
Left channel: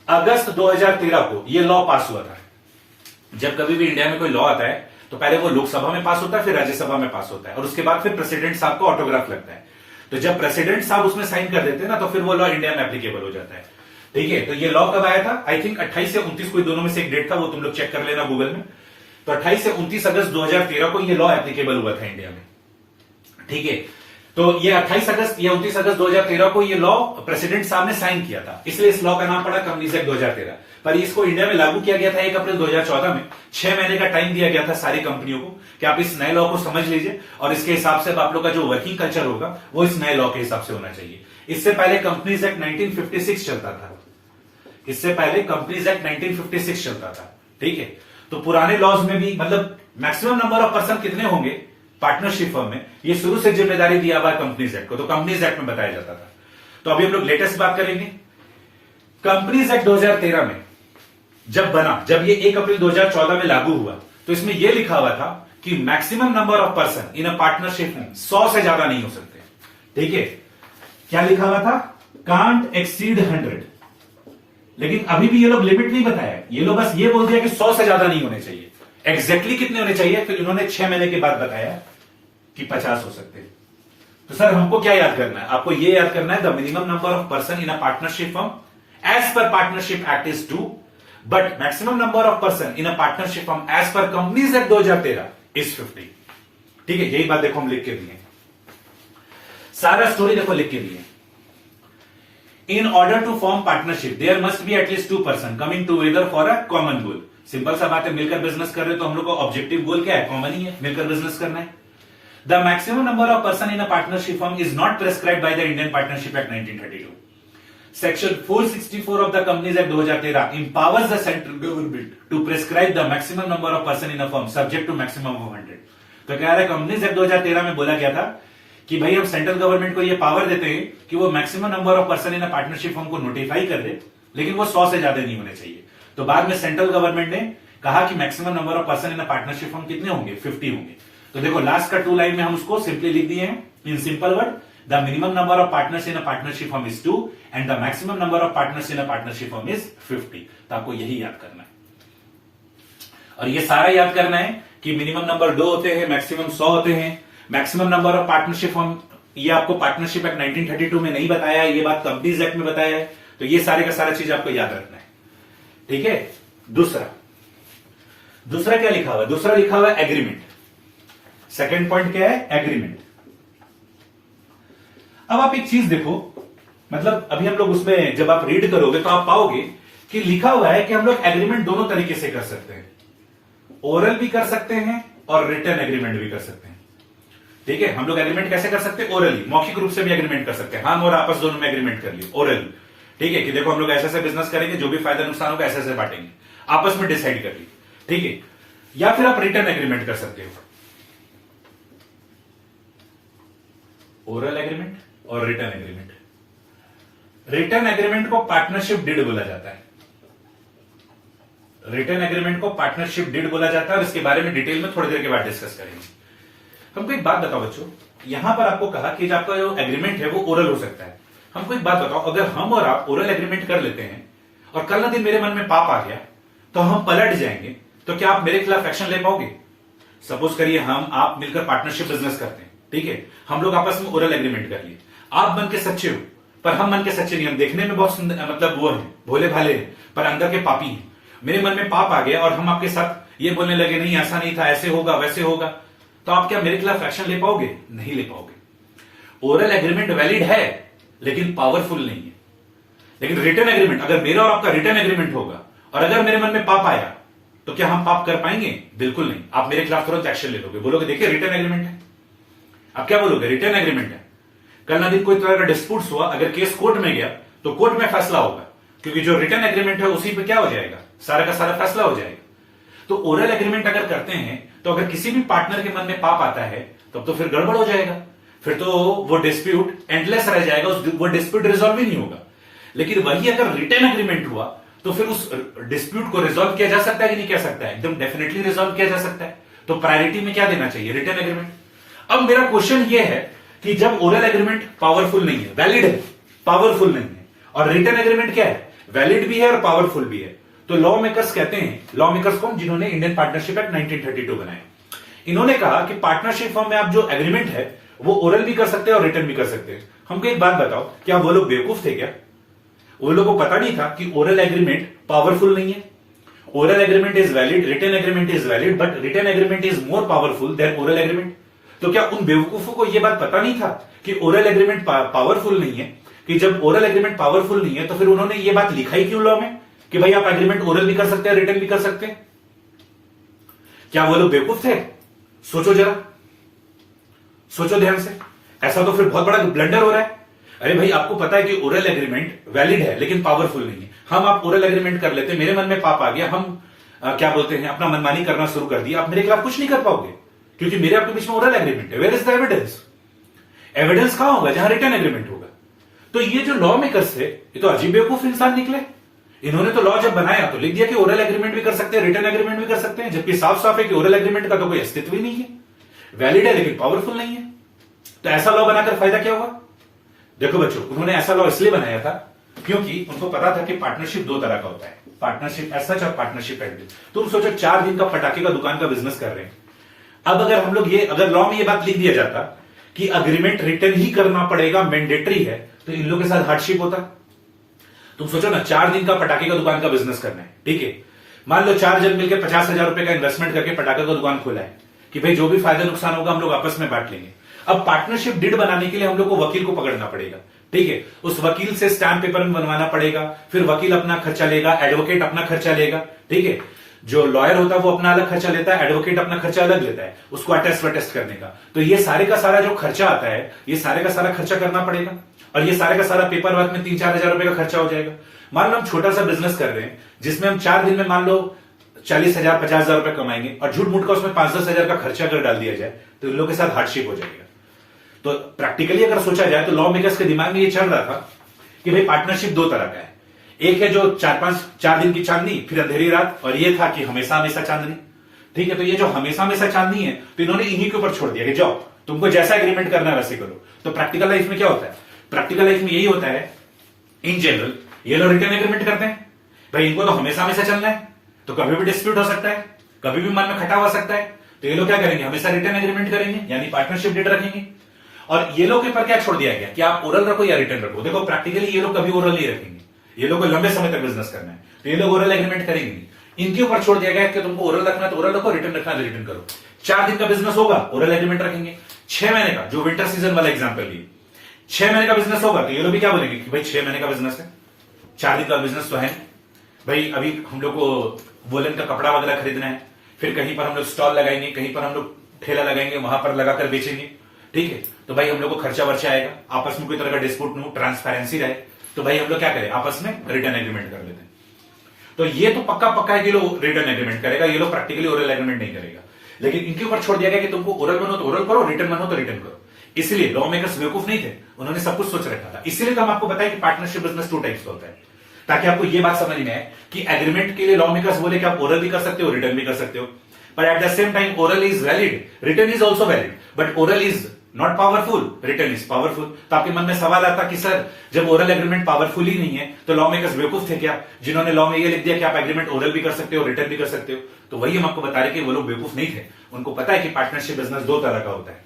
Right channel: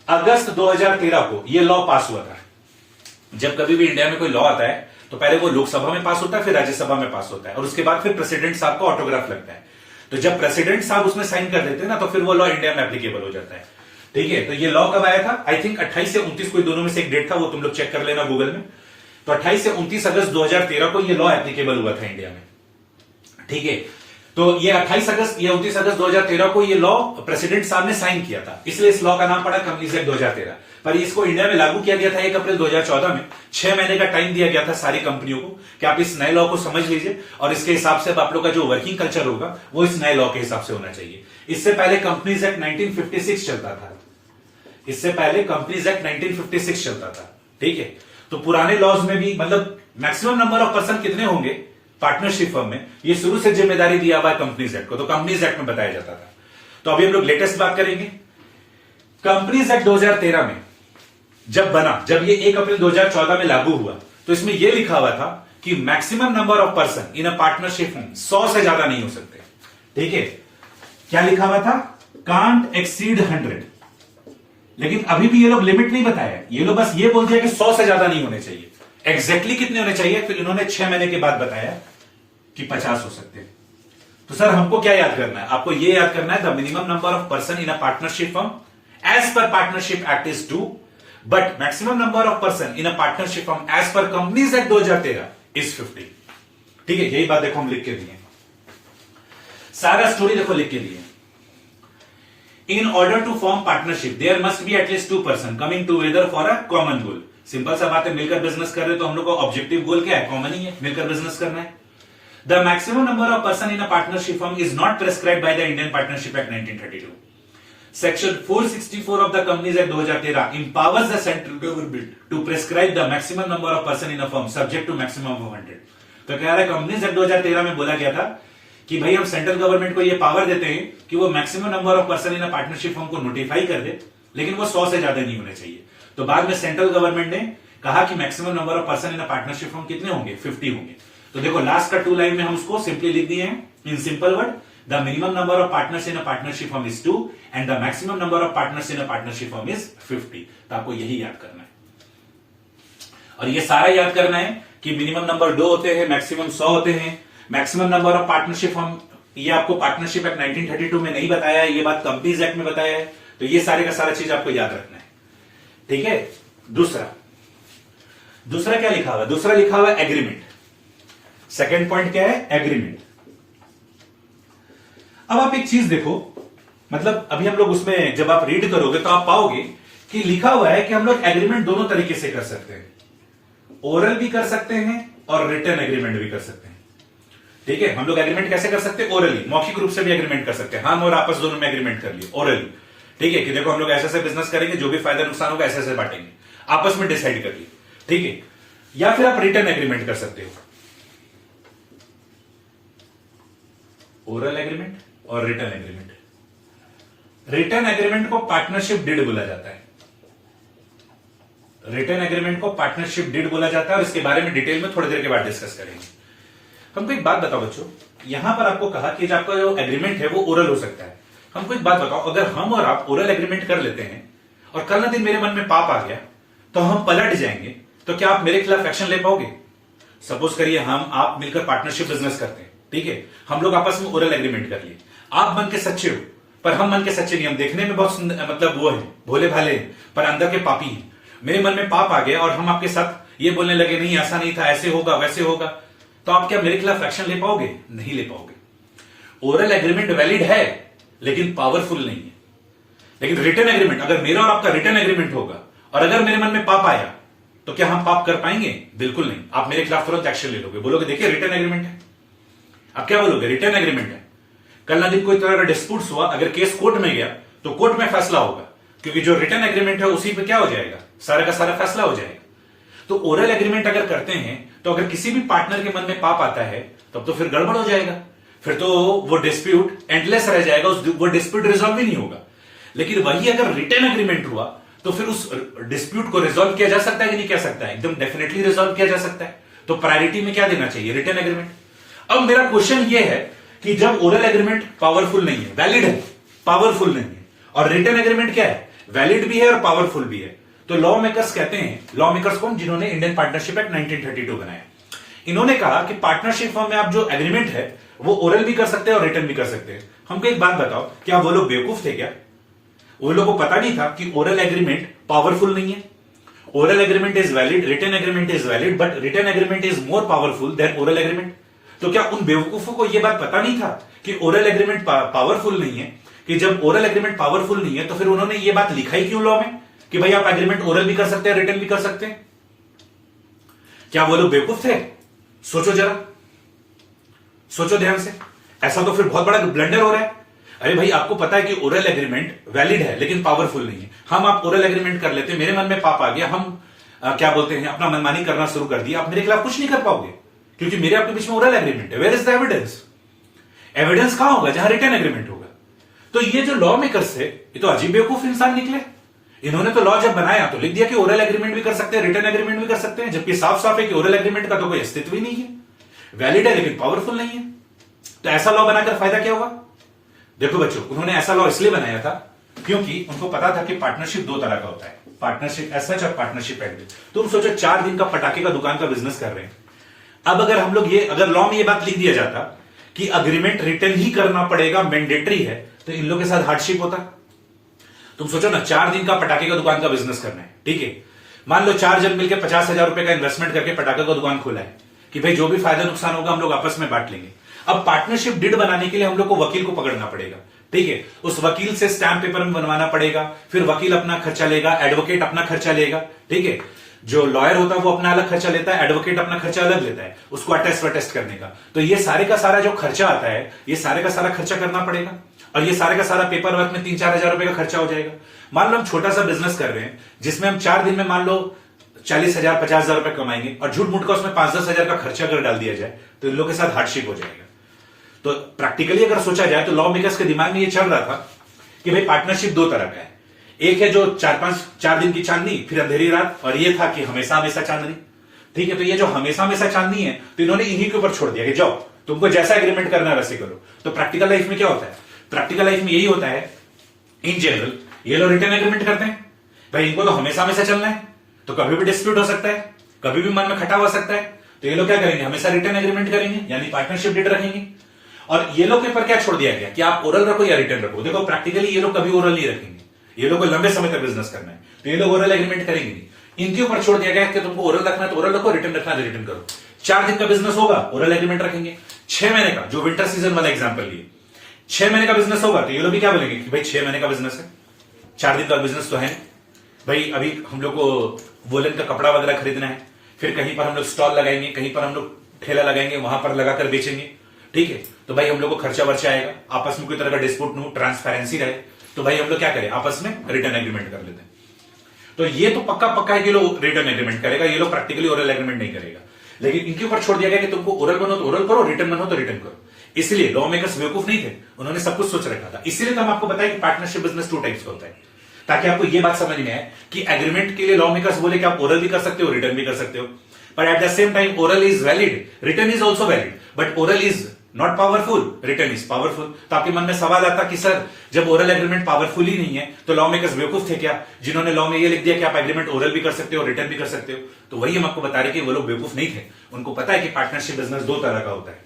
अगस्त 2013 को यह लॉ पास हुआ था। जब कभी भी इंडिया में कोई लॉ आता है तो पहले वो लोकसभा में पास होता है, फिर राज्यसभा में पास होता है, और उसके बाद फिर प्रेसिडेंट साहब का ऑटोग्राफ लगता है। तो जब प्रेसिडेंट साहब उसमें साइन कर देते हैं ना, तो फिर वो लॉ इंडिया में एप्लीकेबल हो जाता है, ठीक है। तो ये लॉ कब आया था? आई थिंक 28 से 29, कोई दोनों में से एक डेट था, वो तुम लोग चेक कर लेना गूगल में। तो 28 से 29 अगस्त 2013 को ये लॉ एप्लीकेबल हुआ था इंडिया में, ठीक है। तो ये 28 अगस्त या 29 अगस्त 2013 को ये लॉ प्रेसिडेंट साहब ने साइन किया था, इसलिए इस लॉ का नाम पड़ा कंपनीज एक्ट 2013। पर इसको इंडिया में लागू किया गया था 1 अप्रैल 2014 में। 6 महीने का टाइम दिया गया था सारी कंपनियों को कि आप इस नए लॉ को समझ लीजिए, और इसके हिसाब से आप लोग का जो वर्किंग कल्चर होगा वो इस नए लॉ के हिसाब से होना चाहिए। इससे पहले कंपनीज एक्ट 1956 चलता था, इससे पहले कंपनीज एक्ट 1956 चलता था, ठीक है। तो पुराने लॉज में भी मतलब मैक्सिमम नंबर ऑफ पर्सन कितने होंगे पार्टनरशिप फर्म में, ये शुरू से जिम्मेदारी दिया हुआ है कंपनीज एक्ट को, तो कंपनीज एक्ट में बताया जाता था। तो अभी हम लोग लेटेस्ट बात करेंगे। कंपनीज एक्ट 2013 में जब बना, जब ये 1 अप्रैल 2014 में लागू हुआ, तो इसमें यह लिखा हुआ था कि maximum number of person in a partnership firm 100 से ज्यादा नहीं हो सकते, ठीक है। क्या लिखा हुआ था? Can't exceed 100। लेकिन अभी भी ये लोग लिमिट नहीं बताया, ये लोग बस ये बोल दिया कि 100 से ज्यादा नहीं होने चाहिए। एग्जैक्टली कितने होने चाहिए फिर इन्होंने 6 महीने के बाद बताया कि 50 हो सकते हैं। तो सर हमको क्या याद करना है? आपको ये याद करना है the minimum number of person in a partnership firm as per partnership act is 2, but maximum number of person in a partnership firm as per companies act 2013 is 50, ठीक है। यही बात देखो हम लिख के दिए, सारा स्टोरी देखो लिख के दिए। In order to form partnership, there must be at least 2 person coming together for a common goal. Simple सा बात है, मिलकर बिजनेस कर रहे तो हम लोग का ऑब्जेक्टिव गोल क्या है? कॉमन ही है, मिलकर बिजनेस करना है। The maximum number of person in a partnership firm is not prescribed by the Indian Partnership Act 1932. Section 464 of the Companies Act 2013 empowers the central government to prescribe the maximum number of person in a firm subject to maximum of 100. तो क्या है, कंपनीज एक्ट 2013 में बोला गया था कि भाई हम सेंट्रल गवर्नमेंट को ये पावर देते हैं कि वो maximum number of person in partnership firm को नोटिफाई कर दे, लेकिन वो 100 से ज्यादा नहीं होने चाहिए। तो बाद में सेंट्रल गवर्नमेंट ने कहा कि maximum number of person in partnership firm कितने होंगे? 50 होंगे। तो देखो लास्ट का 2 लाइन में हम उसको सिंपली लिख दिए हैं in simple word, the minimum number of partners in partnership firm is 2 and the maximum number of partners in partnership firm is 50। तो आपको यही याद करना है, और ये सारा याद करना है कि मिनिमम नंबर 2 होते हैं, मैक्सिमम 100 होते हैं। Maximum number of partnership firm ये आपको पार्टनरशिप एक्ट 1932 में नहीं बताया है, ये बात कंपनीज एक्ट में बताया है। तो ये सारे का सारा चीज आपको याद रखना है, ठीक है। दूसरा क्या लिखा हुआ? दूसरा लिखा हुआ एग्रीमेंट। सेकंड पॉइंट क्या है? एग्रीमेंट। अब आप एक चीज देखो, मतलब अभी हम लोग उसमें जब आप रीड करोगे तो आप पाओगे कि लिखा हुआ है कि हम लोग एग्रीमेंट दोनों तरीके से कर सकते हैं। ओरल भी कर सकते हैं और रिटर्न एग्रीमेंट भी कर सकते हैं। ठीक है, हम लोग एग्रीमेंट कैसे कर सकते हैं? ओरली, मौखिक रूप से भी एग्रीमेंट कर सकते हैं, हम और आपस दोनों में एग्रीमेंट कर लिए ओरली। ठीक है, कि देखो हम लोग ऐसे ऐसे बिजनेस करेंगे, जो भी फायदा नुकसान होगा ऐसे ऐसे बांटेंगे, आपस में डिसाइड कर लिए। ठीक है, या फिर आप रिटर्न एग्रीमेंट कर सकते हो, ओरल एग्रीमेंट और रिटर्न एग्रीमेंट। रिटर्न एग्रीमेंट को पार्टनरशिप डीड बोला जाता है। रिटर्न एग्रीमेंट को पार्टनरशिप डीड बोला जाता है और इसके बारे में डिटेल में थोड़ी देर के बाद डिस्कस करेंगे। हमको एक बात बताओ बच्चों, यहां पर आपको कहा कि आपका जो एग्रीमेंट है वो ओरल हो सकता है। हमको एक बात बताओ, अगर हम और आप ओरल एग्रीमेंट कर लेते हैं और कल ना दिन मेरे मन में पाप आ गया तो हम पलट जाएंगे, तो क्या आप मेरे खिलाफ एक्शन ले पाओगे? सपोज करिए हम आप मिलकर पार्टनरशिप बिजनेस करते हैं, ठीक है, हम लोग आपस में ओरल एग्रीमेंट कर लिए, आप मन के सच्चे हो पर हम मन के सच्चे नहीं, हम देखने में बहुत सुंदर मतलब वो है भोले भाले हैं पर अंदर के पापी हैं। मेरे मन में पाप आ गया और हम आपके साथ ये बोलने लगे नहीं ऐसा नहीं था, ऐसे होगा वैसे होगा, तो आप क्या मेरे खिलाफ एक्शन ले पाओगे? नहीं ले पाओगे। ओरल एग्रीमेंट वैलिड है लेकिन पावरफुल नहीं है। लेकिन रिटर्न एग्रीमेंट, अगर मेरा और आपका रिटर्न एग्रीमेंट होगा और अगर मेरे मन में पाप आया तो क्या हम पाप कर पाएंगे? बिल्कुल नहीं। आप मेरे खिलाफ तुरंत एक्शन ले लोगे, बोलोगे देखिए रिटर्न एग्रीमेंट है। आप क्या बोलोगे? रिटर्न एग्रीमेंट है। कल ना दिन कोई तरह का डिस्प्यूट हुआ, अगर केस कोर्ट में गया तो कोर्ट में फैसला होगा, क्योंकि जो रिटर्न एग्रीमेंट है उसी पे क्या हो जाएगा, सारा का सारा फैसला हो जाएगा। तो ओरल एग्रीमेंट अगर करते हैं तो अगर किसी भी पार्टनर के मन में पाप आता है तब तो फिर गड़बड़ हो जाएगा, फिर तो वो डिस्प्यूट एंडलेस रह जाएगा, वो डिस्प्यूट रिजॉल्व ही नहीं होगा। लेकिन वही अगर रिटर्न एग्रीमेंट हुआ तो फिर उस डिस्प्यूट को रिजॉल्व किया जा सकता है कि नहीं किया सकता है? एकदम डेफिनेटली रिजॉल्व किया जा सकता है। तो प्रायोरिटी में क्या देना चाहिए? Return agreement. अब मेरा क्वेश्चन ये है कि जब ओरल एग्रीमेंट पावरफुल नहीं है, वैलिड है, पावरफुल नहीं है, और रिटर्न एग्रीमेंट क्या है, वैलिड भी है और पावरफुल भी है, तो लॉ मेकर्स कहते हैं, लॉ मेकर्स कौन? जिन्होंने इंडियन पार्टनरशिप एक्ट 1932 बनाया, इन्होंने कहा कि पार्टनरशिप फॉर्म में आप जो एग्रीमेंट है वो ओरल भी कर सकते हैं और रिटर्न भी कर सकते हैं। हमको एक बात बताओ, क्या वो लोग बेवकूफ थे क्या? वो लोगों को पता नहीं था कि ओरल एग्रीमेंट पावरफुल नहीं है? Oral agreement is valid, return agreement is valid, but return agreement is more powerful than oral agreement. तो क्या उन बेवकूफों को यह बात पता नहीं था कि ओरल एग्रीमेंट पावरफुल नहीं है? कि जब ओरल एग्रीमेंट पावरफुल नहीं है तो फिर उन्होंने ये बात लिखा ही क्यों लॉ में कि भाई आप एग्रीमेंट ओरल भी कर सकते हैं, रिटर्न भी कर सकते हैं? क्या वो लोग बेवकूफ थे? सोचो जरा, सोचो ध्यान से। ऐसा तो फिर बहुत बड़ा ब्लंडर हो रहा है। अरे भाई आपको पता है कि ओरल एग्रीमेंट वैलिड है लेकिन पावरफुल नहीं है। हम आप ओरल एग्रीमेंट कर लेते, मेरे मन में पाप आ गया, हम क्या बोलते हैं अपना मनमानी करना शुरू कर दिया, आप मेरे खिलाफ कुछ नहीं कर पाओगे क्योंकि मेरे आपके बीच में ओरल एग्रीमेंट है। Where is the evidence? Evidence कहां होगा? जहां रिटर्न एग्रीमेंट होगा। तो ये जो लॉ मेकर्स थे ये तो अजीब बेवकूफ इंसान निकले। इन्होंने तो लॉ जब बनाया तो लिख दिया कि ओरल एग्रीमेंट भी कर सकते हैं, रिटर्न एग्रीमेंट भी कर सकते हैं, जबकि साफ साफ है कि ओरल एग्रीमेंट का तो कोई अस्तित्व ही नहीं है, वैलिड है लेकिन पावरफुल नहीं है। तो ऐसा लॉ बनाकर फायदा क्या होगा? देखो बच्चों, उन्होंने ऐसा लॉ इसलिए बनाया था क्योंकि उनको पता था कि पार्टनरशिप दो तरह का होता है, पार्टनरशिप एज सच और पार्टनरशिप एट विल। तुम सोचो 4 दिन का पटाखे का दुकान का बिजनेस कर रहे हैं। अब अगर हम लोग अगर लॉ में ये बात लिख दिया जाता कि अग्रीमेंट रिटर्न ही करना पड़ेगा, मैंडेटरी है, तो इन लोगों के साथ हार्डशिप होता। तुम सोचो ना, 4 दिन का पटाखे का दुकान का बिजनेस करना है, ठीक है, मान लो 4 जन मिलकर 50,000 रुपए का इन्वेस्टमेंट करके पटाखे का दुकान खोला है कि भाई जो भी फायदा नुकसान होगा हम लोग आपस में बांट लेंगे। अब पार्टनरशिप डीड बनाने के लिए हम लोग को वकील को पकड़ना पड़ेगा, ठीक है, उस वकील से स्टैम्प पेपर में बनवाना पड़ेगा, फिर वकील अपना खर्चा लेगा, एडवोकेट अपना खर्चा लेगा, ठीक है, जो लॉयर होता है वो अपना अलग खर्चा लेता है, एडवोकेट अपना खर्चा अलग लेता है उसको अटेस्ट करने का। तो ये सारे का सारा जो खर्चा आता है, ये सारे का सारा खर्चा करना पड़ेगा और ये सारे का सारा पेपर वर्क में 3-4 हजार रुपए का खर्चा हो जाएगा। मान लो हम छोटा सा बिजनेस कर रहे हैं जिसमें हम 4 दिन में मान लो 40,000 50,000 रुपए कमाएंगे और झूठ मूठ का उसमें 5-10 हजार का खर्चा अगर डाल दिया जाए तो इन लोगों के साथ हार्डशिप हो जाएगा। तो प्रैक्टिकली अगर सोचा जाए तो लॉ मेकर्स के दिमाग में ये चल रहा था कि भाई पार्टनरशिप 2 तरह का है, एक है जो 4 दिन की चांदनी फिर अंधेरी रात, और ये था कि हमेशा हमेशा चांदनी, ठीक है। तो ये जो हमेशा हमेशा चांदनी है तो इन्होंने इन्हीं के ऊपर छोड़ दिया कि जाओ तुमको जैसा एग्रीमेंट करना है वैसे करो। तो प्रैक्टिकल लाइफ में क्या होता है? प्रैक्टिकल लाइफ में यही होता है इन जनरल, ये लोग रिटर्न एग्रीमेंट करते हैं, भाई इनको तो हमेशा हमेशा चलना है, तो कभी भी डिस्प्यूट हो सकता है, कभी भी मन में खटाव हो सकता है, तो ये लोग क्या करेंगे? हमेशा रिटर्न एग्रीमेंट करेंगे, यानी पार्टनरशिप डीड रखेंगे। और ये लोग के पर क्या छोड़ दिया गया कि आप ओरल रखो या रिटर्न रखो। देखो प्रैक्टिकली ये लोग कभी ओरल नहीं रखेंगे, ये लोग को लंबे समय तक बिजनेस करना है, तो ये लोग ओरल एग्रीमेंट करेंगे नहीं। इनके ऊपर छोड़ दिया गया कि तुमको ओरल रखना है तो ओरल रखो, रिटर्न रखना है तो रिटर्न करो। 4 दिन का बिजनेस होगा, ओरल एग्रीमेंट रखेंगे। 6 महीने का, जो विंटर सीजन वाला एग्जाम्पल लिए, 6 महीने का बिजनेस होगा तो ये लोग भी क्या बोलेंगे कि भाई 6 महीने का बिजनेस है, 4 दिन का बिजनेस तो है नहीं भाई, अभी हम लोग को वोलन का कपड़ा वगैरह खरीदना है, फिर कहीं पर हम लोग स्टॉल लगाएंगे, कहीं पर हम लोग ठेला लगाएंगे, वहां पर लगाकर बेचेंगे, ठीक है। तो भाई हम लोग को खर्चा वर्चा आएगा, आपस में कोई तरह का डिस्प्यूट न हो, ट्रांसपेरेंसी रहे, तो भाई हम लोग क्या करें, आपस में रिटर्न एग्रीमेंट कर लेते हैं। तो ये तो पक्का पक्का है कि लोग रिटर्न एग्रीमेंट करेगा, ये लोग प्रैक्टिकली ओरल एग्रीमेंट नहीं करेगा, लेकिन इनके ऊपर छोड़ दिया गया कि तुमको ओरल बनो तो ओरल करो, रिटर्न बनो तो रिटर्न करो। इसलिए लॉ मेकर्स बेवकूफ नहीं थे, उन्होंने सब कुछ सोच रखा था। इसलिए तो हम आपको बताया कि पार्टनरशिप बिजनेस 2 टाइप्स का होता है, ताकि आपको ये बात समझ में आए कि एग्रीमेंट के लिए लॉ मेकर्स बोले कि आप ओरल भी कर सकते हो, रिटर्न भी कर सकते हो, but at the same time oral is valid, return is also valid, but oral is not powerful, return is powerful. तो आपके मन में सवाल आता कि सर जब ओरल एग्रीमेंट पावरफुल ही नहीं है तो लॉ मेकर्स बेवकूफ थे क्या, जिन्होंने लॉ में ये लिख दिया कि आप एग्रीमेंट ओरल भी कर सकते हो, रिटर्न भी कर सकते हो। तो वही हम आपको बता रहे कि वो लोग बेवकूफ नहीं थे, उनको पता है कि पार्टनरशिप बिजनेस 2 तरह का होता है,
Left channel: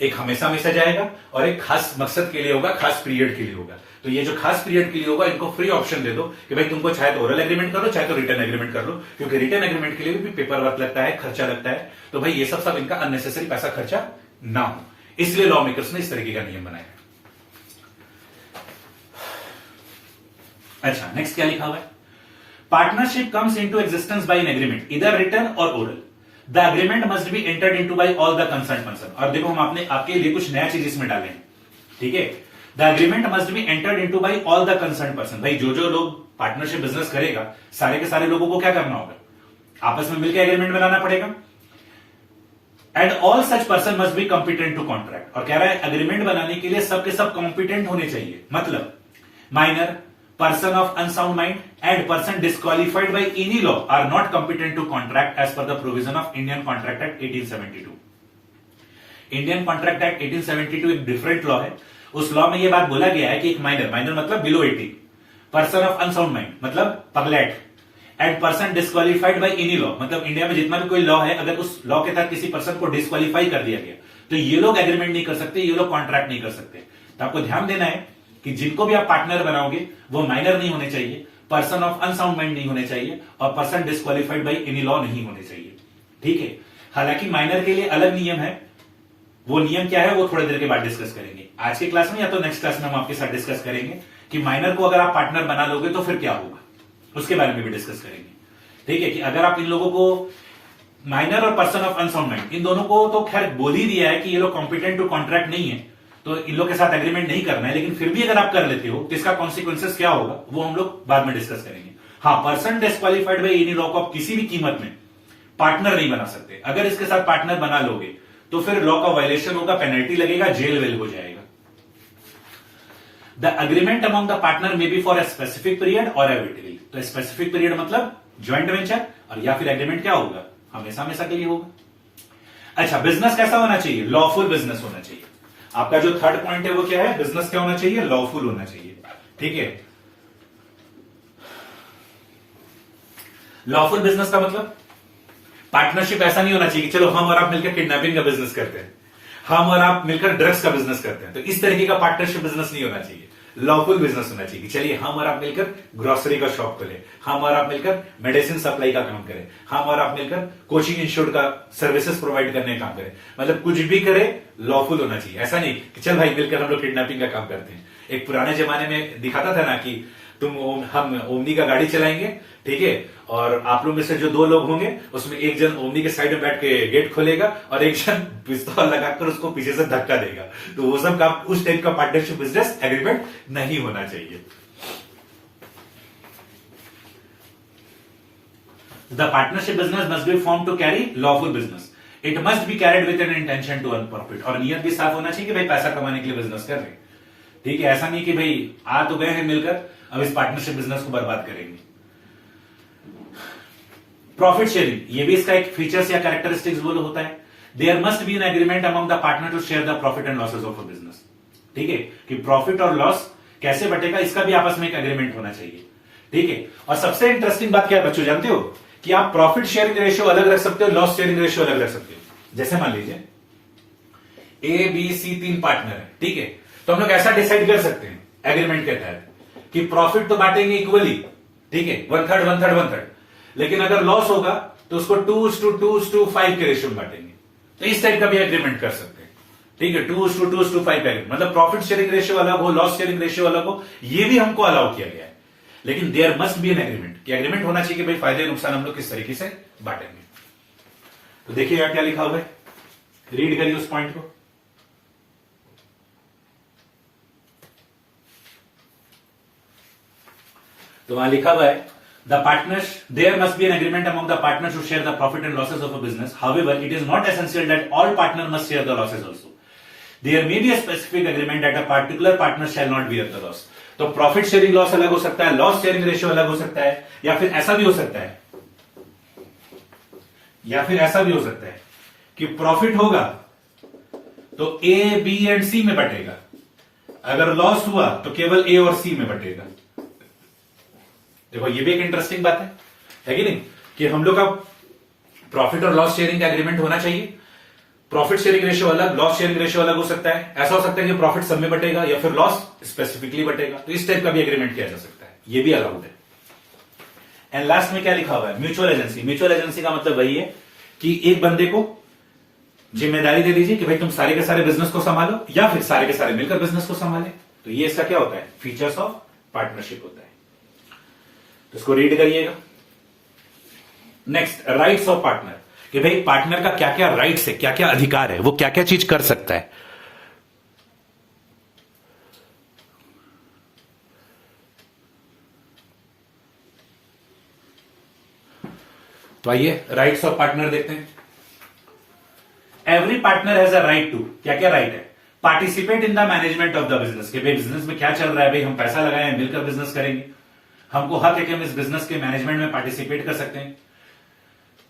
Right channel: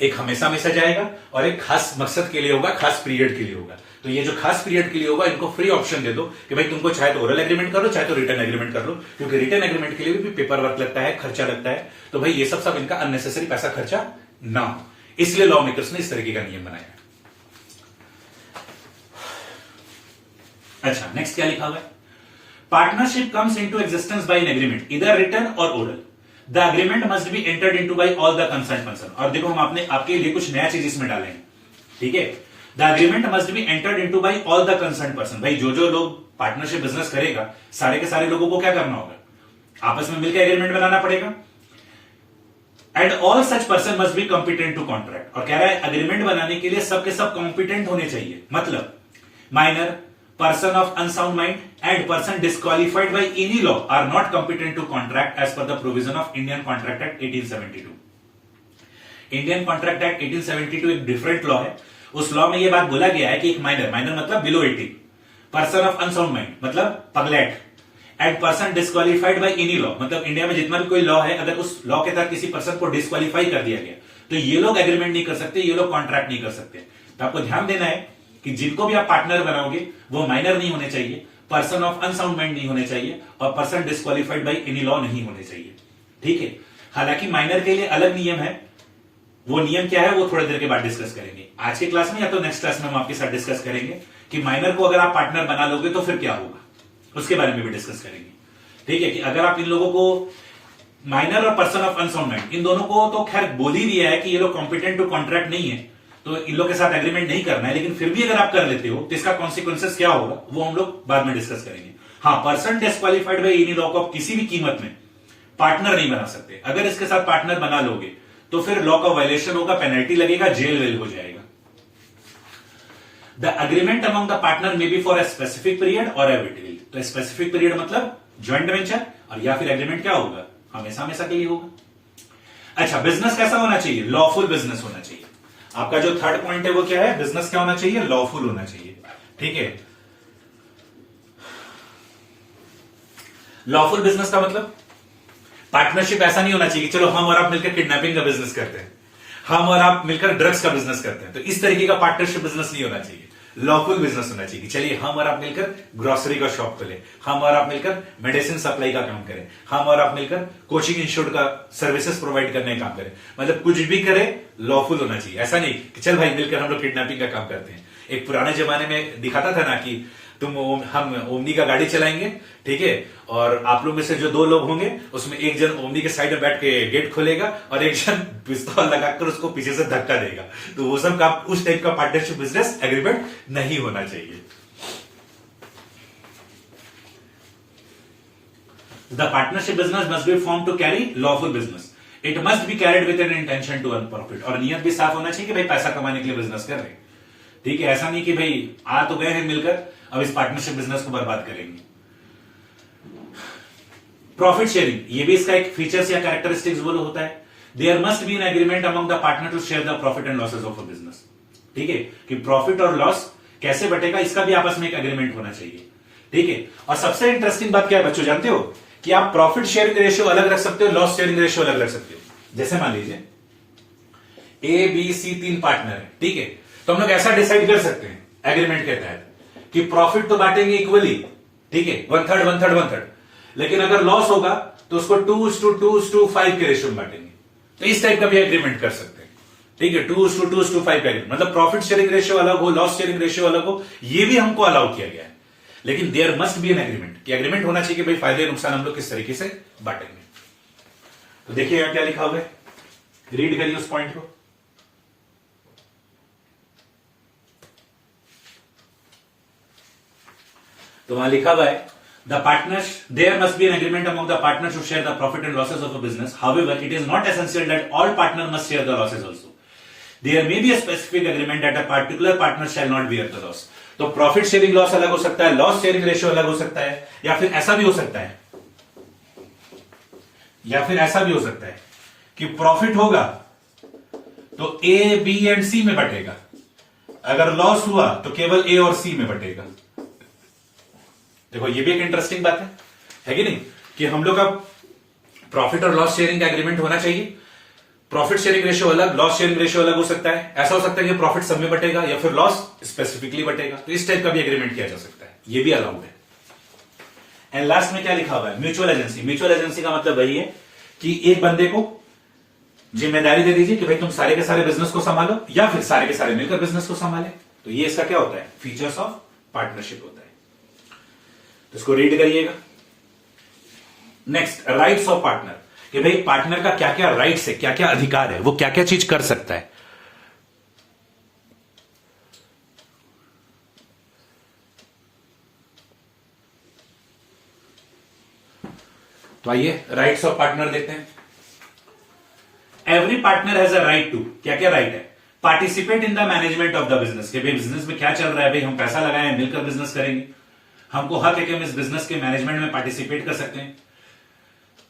एक हमेशा हमेशा जाएगा और एक खास मकसद के लिए होगा, खास पीरियड के लिए होगा। तो ये जो खास पीरियड के लिए होगा, इनको फ्री ऑप्शन दे दो कि भाई तुमको चाहे तो ओरल एग्रीमेंट कर लो, चाहे तो रिटर्न एग्रीमेंट कर लो, क्योंकि रिटर्न एग्रीमेंट के लिए भी पेपर वर्क लगता है, खर्चा लगता है। तो भाई ये सब इनका अननेसेसरी पैसा खर्चा ना हो, इसलिए लॉ मेकर्स ने इस तरीके का नियम बनाया। अच्छा, नेक्स्ट क्या लिखा हुआ है, partnership comes into existence by an agreement इधर रिटन और oral, the agreement must be entered into by all the concern person. और देखो हम आपके लिए कुछ नया चीज इसमें डाले हैं, ठीक है। The agreement must be entered into by all the concern person. भाई जो लोग पार्टनरशिप बिजनेस करेगा, सारे के सारे लोगों को क्या करना होगा, आपस में मिलकर एग्रीमेंट बनाना पड़ेगा। And all such person must be competent to contract. और कह रहा है एग्रीमेंट बनाने के लिए सबके सब कॉम्पिटेंट होने चाहिए, मतलब minor, person of unsound mind and person disqualified by any law are not competent to contract as per the provision of Indian Contract Act 1872. Indian Contract Act 1872 एक डिफरेंट लॉ है, उस लॉ में ये बात बोला गया है कि एक माइनर मतलब below 18, person of unsound mind मतलब पगलैट, and person disqualified by any law मतलब इंडिया में जितना भी कोई लॉ है, अगर उस लॉ के तहत किसी पर्सन को डिस्क्वालिफाई कर दिया गया तो ये लोग एग्रीमेंट नहीं कर सकते, ये लोग कॉन्ट्रैक्ट नहीं कर सकते। तो आपको ध्यान देना है कि जिनको भी आप पार्टनर बनाओगे वो माइनर नहीं होने चाहिए, पर्सन ऑफ अनसाउंड माइंड नहीं होने चाहिए, और person disqualified by any law नहीं होने चाहिए, ठीक है। हालांकि माइनर के लिए अलग नियम है, वो नियम क्या है वो थोड़ी देर के बाद डिस्कस करेंगे, आज के क्लास में या तो नेक्स्ट क्लास में हम आपके साथ डिस्कस करेंगे कि माइनर को अगर आप पार्टनर बना लोगे तो फिर क्या होगा, उसके बारे में भी डिस्कस करेंगे, ठीक है। कि अगर आप इन लोगों को माइनर और person of unsound mind in दोनों को तो खैर बोल ही दिया है कि ये लोग कॉम्पिटेंट टू कॉन्ट्रैक्ट नहीं है, तो इन लोग के साथ एग्रीमेंट नहीं करना है, लेकिन फिर भी अगर आप कर लेते हो तो इसका कॉन्सिक्वेंसेस क्या होगा वो हम लोग बाद में डिस्कस करेंगे। हाँ, person disqualified by any law को आप किसी भी कीमत में पार्टनर नहीं बना सकते, अगर इसके साथ पार्टनर बना लोगे तो फिर लॉ का वायलेशन होगा, पेनल्टी लगेगा, जेल वेल हो जाएगा। The agreement among the partner may be for a specific period और अ विल, तो स्पेसिफिक पीरियड मतलब ज्वाइंट वेंचर, और या फिर एग्रीमेंट क्या होगा, हमेशा हमेशा के लिए होगा। अच्छा, बिजनेस कैसा होना चाहिए, लॉफुल बिजनेस होना चाहिए। आपका जो थर्ड पॉइंट है वो क्या है, बिजनेस क्या होना चाहिए, लॉफुल होना चाहिए, ठीक है। लॉफुल बिजनेस का मतलब पार्टनरशिप ऐसा नहीं होना चाहिए कि चलो हम और आप मिलकर किडनैपिंग का बिजनेस करते हैं, हम और आप मिलकर ड्रग्स का बिजनेस करते हैं, तो इस तरीके का पार्टनरशिप बिजनेस नहीं होना चाहिए। लॉफुल बिजनेस होना चाहिए कि चलिए हम और आप मिलकर ग्रोसरी का शॉप खोलें, हम और आप मिलकर मेडिसिन सप्लाई का काम करें, हम और आप मिलकर कोचिंग इंस्टीट्यूट का सर्विसेज प्रोवाइड करने का काम करें, मतलब कुछ भी करे लॉफुल होना चाहिए। ऐसा नहीं कि चल भाई मिलकर हम लोग किडनैपिंग का काम करते हैं। एक पुराने जमाने में दिखाता था ना कि हम ओमनी का गाड़ी चलाएंगे, ठीक है, और आप लोग में से जो 2 लोग होंगे उसमें एक जन ओमनी के साइड में बैठ के गेट खोलेगा और एक जन पिस्तौल लगाकर उसको पीछे से धक्का देगा। तो वो सब काम, उस टाइप का पार्टनरशिप बिजनेस एग्रीमेंट नहीं होना चाहिए। The partnership business must be form to carry lawful business, it must be carried with an intention to earn profit, और नियत भी साफ होना चाहिए कि भाई पैसा कमाने के लिए बिजनेस कर रहे हैं, ठीक है। ऐसा नहीं कि भाई आ तो गए हैं मिलकर अब इस पार्टनरशिप बिजनेस को बर्बाद करेंगे। प्रॉफिट शेयरिंग, ये भी इसका एक फीचर्स या कैरेक्टरिस्टिक्स बोलो होता है। There must be an agreement among the partner to share the profit and losses of a business, ठीक है, कि प्रॉफिट और लॉस कैसे बटेगा इसका भी आपस में एक एग्रीमेंट होना चाहिए, ठीक है। और सबसे इंटरेस्टिंग बात क्या है बच्चों, जानते हो कि आप प्रॉफिट शेयरिंग रेशियो अलग रख सकते हो, लॉस शेयरिंग रेशियो अलग रख सकते हो। जैसे मान लीजिए A, B, C 3 पार्टनर है, ठीक है, तो हम लोग ऐसा डिसाइड कर सकते हैं एग्रीमेंट के तहत कि प्रॉफिट तो बांटेंगे इक्वली, ठीक है, 1/3 1/3 1/3, लेकिन अगर लॉस होगा तो उसको 2:2:5 के रेशियो में बांटेंगे। तो इस टाइप का भी एग्रीमेंट कर सकते हैं, ठीक है, 2:2:5 एग्रीमेंट, मतलब प्रॉफिट शेयरिंग रेशियो अलग हो, लॉस शेयरिंग रेशियो अलग हो, ये भी हमको अलाउ किया गया है। लेकिन there must be an agreement, कि एग्रीमेंट होना चाहिए कि भाई फायदे नुकसान हम लोग किस तरीके से बांटेंगे। तो देखिए यहां क्या लिखा हुआ है, रीड करिए उस पॉइंट को। तो वहां लिखा हुआ है the partners, there must be an agreement among the partners to share the profit and losses of a business, however it is not essential that all partner must share the losses also, there may be a specific agreement that a particular partner shall not bear the loss. तो प्रॉफिट शेयरिंग लॉस अलग हो सकता है, लॉस शेयरिंग रेशियो अलग हो सकता है, या फिर ऐसा भी हो सकता है, या फिर ऐसा भी हो सकता है कि प्रॉफिट होगा तो ए बी एंड सी में बटेगा, अगर लॉस हुआ तो केवल ए और सी में बटेगा। देखो ये भी एक इंटरेस्टिंग बात है कि नहीं, कि हम लोग का प्रॉफिट और लॉस शेयरिंग का एग्रीमेंट होना चाहिए। प्रॉफिट शेयरिंग रेशियो अलग, लॉस शेयरिंग रेशियो अलग हो सकता है। ऐसा हो सकता है कि प्रॉफिट सब में बटेगा या फिर लॉस स्पेसिफिकली बटेगा, तो इस टाइप का भी एग्रीमेंट किया जा सकता है, ये भी अलाउड है। एंड लास्ट में क्या लिखा हुआ है, म्यूचुअल एजेंसी। म्यूचुअल एजेंसी का मतलब वही है कि एक बंदे को जिम्मेदारी दे दीजिए कि भाई तुम सारे के सारे बिजनेस को संभालो, या फिर सारे के सारे मिलकर बिजनेस को संभाले। तो ये इसका क्या होता है, फीचर्स ऑफ पार्टनरशिप होता है। तो इसको रीड करिएगा। नेक्स्ट, राइट्स ऑफ पार्टनर, कि भाई पार्टनर का क्या क्या राइट्स है, क्या क्या अधिकार है, वो क्या क्या चीज कर सकता है। तो आइए राइट्स ऑफ पार्टनर देखते हैं। Every partner has a right to, क्या क्या राइट है, participate in the management of the business, कि भाई बिजनेस में क्या चल रहा है, भाई हम पैसा लगाएं, मिलकर बिजनेस करेंगे, हमको हक है कि हम इस बिजनेस के मैनेजमेंट में पार्टिसिपेट कर सकते हैं।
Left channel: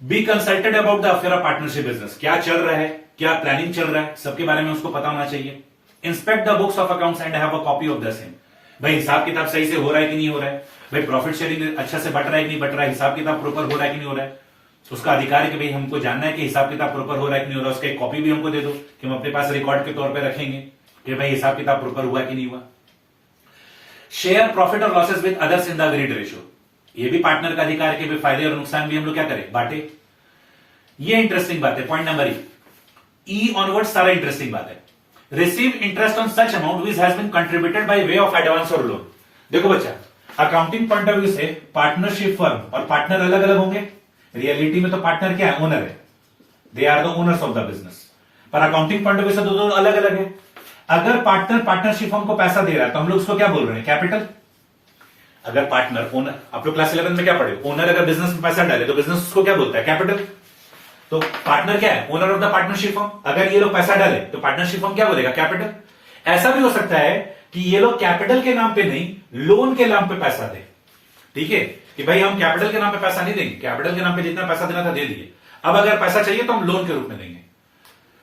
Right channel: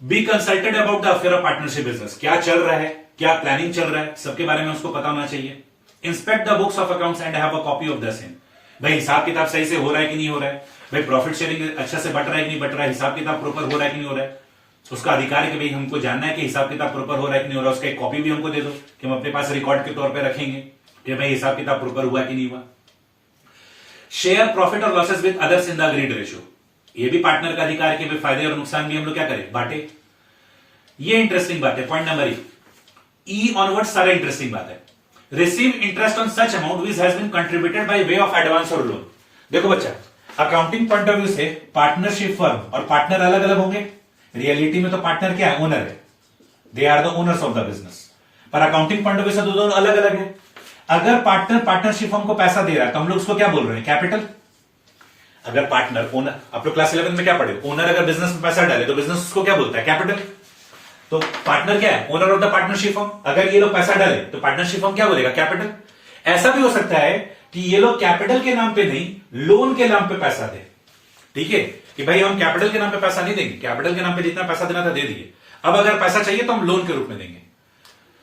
B consulted about the affair of partnership business, क्या चल रहा है, क्या प्लानिंग चल रहा है, सबके बारे में उसको पता होना चाहिए। Inspect the books of accounts and have a copy of the same, भाई हिसाब किताब सही से हो रहा है कि नहीं हो रहा है, भाई प्रॉफिट शेयरिंग अच्छा से बट रहा है कि नहीं बट रहा है, हिसाब किताब प्रॉपर हो रहा है कि नहीं हो रहा है, उसका अधिकार है कि भाई हमको जानना है कि हिसाब किताब प्रॉपर हो रहा है कि नहीं हो रहा है। उसका एक कॉपी भी हमको दे दो कि हम अपने पास रिकॉर्ड के तौर पर रखेंगे कि भाई हिसाब किताब प्रॉपर हुआ कि नहीं हुआ। शेयर प्रॉफिट और losses with others in the agreed ratio, ये भी पार्टनर का अधिकार है कि भाई फायदे और नुकसान भी हम लोग क्या करें, बांटे। ये इंटरेस्टिंग बात है, पॉइंट नंबर ई ऑनवर्ड सारा इंटरेस्टिंग बात है। Receive interest on such amount which has been contributed by way of advance और लोन। देखो बच्चा, अकाउंटिंग पॉइंट ऑफ व्यू से पार्टनरशिप फर्म और पार्टनर अलग अलग होंगे। रियलिटी में तो पार्टनर क्या है, ओनर है, they are the owners of the business, पर अकाउंटिंग पॉइंट ऑफ व्यू से तो दोनों अलग अलग है। अगर पार्टनर पार्टनरशिप फर्म को पैसा दे रहा है तो हम लोग उसको क्या बोल रहे हैं, कैपिटल। अगर पार्टनर ओनर, आप लोग क्लास 11 में क्या पढ़े, ओनर अगर बिजनेस में पैसा डाले तो बिजनेस उसको क्या बोलता है, कैपिटल। तो पार्टनर क्या है, owner of the partnership firm. अगर ये लोग पैसा डाले तो पार्टनरशिप फर्म क्या बोलेगा, कैपिटल। ऐसा भी हो सकता है कि ये लोग कैपिटल के नाम पे नहीं, लोन के नाम पे पैसा दे, ठीक है, कि भाई हम कैपिटल के नाम पे पैसा नहीं देंगे, कैपिटल के नाम पे जितना पैसा देना था दे दिए, अब अगर पैसा चाहिए तो हम लोन के रूप में देंगे।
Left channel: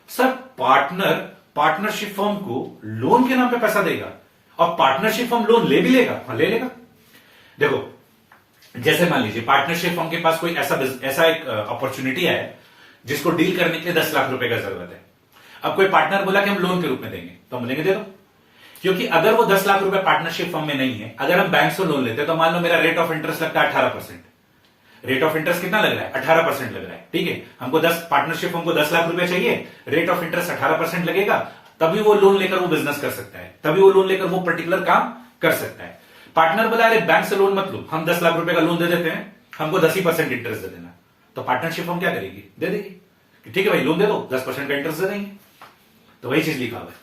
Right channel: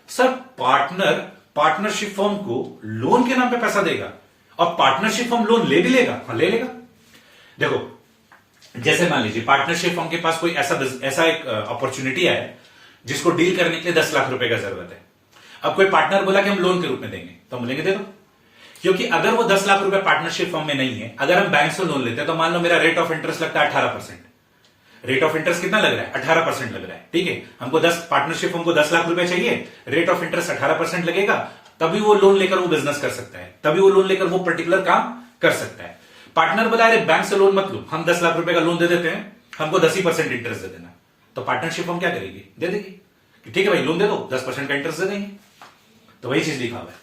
सर पार्टनर पार्टनरशिप फर्म को लोन के नाम पे पैसा देगा और पार्टनरशिप फर्म लोन ले भी लेगा, हाँ ले लेगा। देखो जैसे मान लीजिए पार्टनरशिप फर्म के पास कोई ऐसा एक अपॉर्चुनिटी है जिसको डील करने के लिए 10 लाख रुपए का जरूरत है। अब कोई पार्टनर बोला कि हम लोन के रूप में देंगे, तो हम बोलेंगे दे दो, क्योंकि अगर वो 10 लाख रुपए पार्टनरशिप फर्म में नहीं है, अगर हम बैंक से लोन लेते हैं तो मान लो मेरा रेट ऑफ इंटरेस्ट लगता है 18%। रेट ऑफ इंटरेस्ट कितना लग रहा है, 18% लग रहा है, ठीक है। हमको 10 पार्टनरशिप फर्म को 10 लाख रुपए चाहिए, रेट ऑफ इंटरेस्ट 18% लगेगा, तभी वो लोन लेकर वो बिजनेस कर सकता है, तभी वो लोन लेकर वो पर्टिकुलर काम कर सकता है। पार्टनर बोला अरे बैंक से लोन मत लो, हम 10 लाख रुपए का लोन दे देते हैं, हमको 10% इंटरेस्ट दे देना, तो पार्टनरशिप फर्म क्या करेगी, दे देगी, ठीक है भाई लोन दे दो, 10% का इंटरेस्ट दे देंगे। तो वही चीज लिखा हुआ है,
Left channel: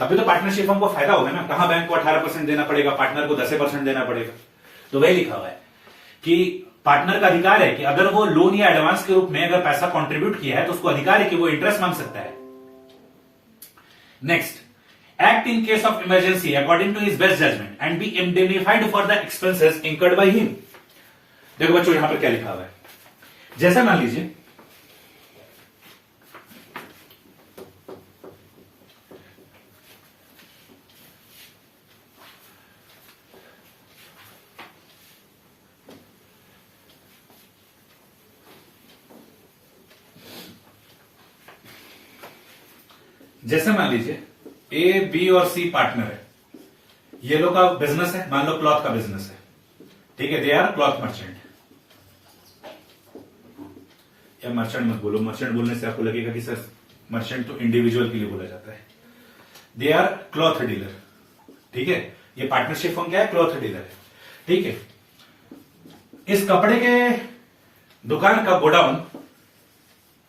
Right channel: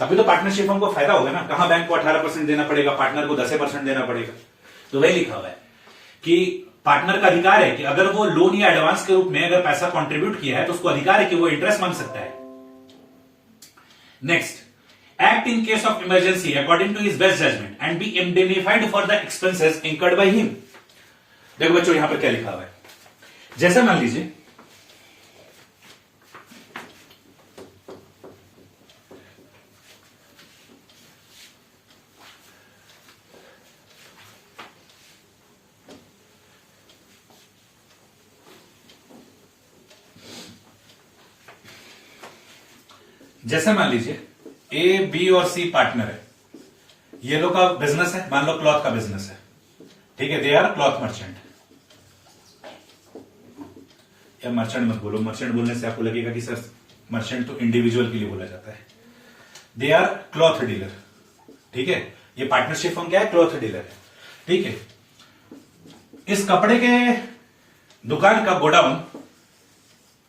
तभी तो पार्टनरशिप फर्म को फायदा होगा ना, कहां बैंक को 18% देना पड़ेगा, पार्टनर को 10% देना पड़ेगा। तो वही लिखा हुआ है कि पार्टनर का अधिकार है कि अगर वो लोन या एडवांस के रूप में अगर पैसा कंट्रीब्यूट किया है तो उसको अधिकार है कि वो इंटरेस्ट मांग सकता है। Next, act in case of emergency according to his best judgment and be indemnified for the expenses incurred by him. देखो बच्चों यहां पर क्या लिखा हुआ है, जैसे मान लीजिए ए बी और सी पार्टनर है, ये लोग का बिजनेस है, मान लो क्लॉथ का बिजनेस है, ठीक है, दे आर क्लॉथ मर्चेंट। या मर्चेंट मत बोलो, मर्चेंट बोलने से आपको लगेगा कि सर मर्चेंट तो इंडिविजुअल के लिए बोला जाता है। दे आर क्लॉथ डीलर, ठीक है, ये पार्टनरशिप फर्म क्या है, क्लॉथ डीलर है, ठीक है। इस कपड़े के दुकान का गोडाउन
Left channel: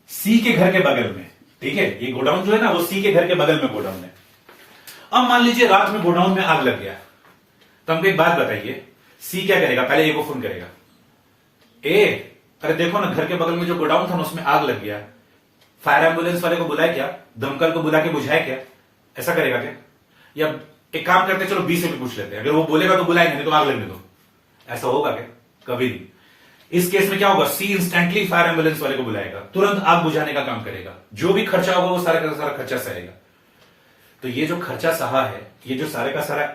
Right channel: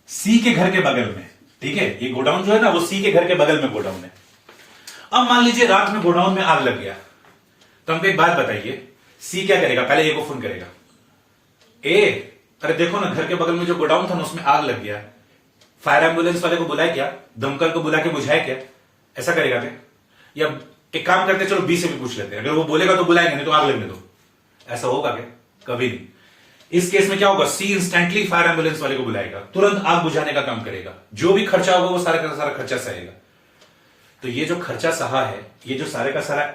सी के घर के बगल में, ठीक है, ये गोडाउन जो है ना वो सी के घर के बगल में गोडाउन है। अब मान लीजिए रात में गोडाउन में आग लग गया, तो हमको एक बात बताइए, सी क्या करेगा? पहले ए को फोन करेगा, ए अरे देखो ना घर के बगल में जो गोडाउन था ना उसमें आग लग गया, फायर एम्बुलेंस वाले को बुलाए क्या, दमकल को बुला के बुझाए क्या? ऐसा करेगा क्या? या एक काम करते हैं, चलो बी से भी पूछ लेते हैं, अगर वो बोलेगा तो बुलाएंगे, नहीं तो आग लगने दो। ऐसा होगा क्या? कभी नहीं। इस केस में क्या होगा, सी इंस्टेंटली फायर एम्बुलेंस वाले को बुलाएगा, तुरंत आग बुझाने का काम करेगा, जो भी खर्चा होगा वो सारा का सारा खर्चा सहेगा। तो ये जो खर्चा सहा है, ये जो सारे का सारा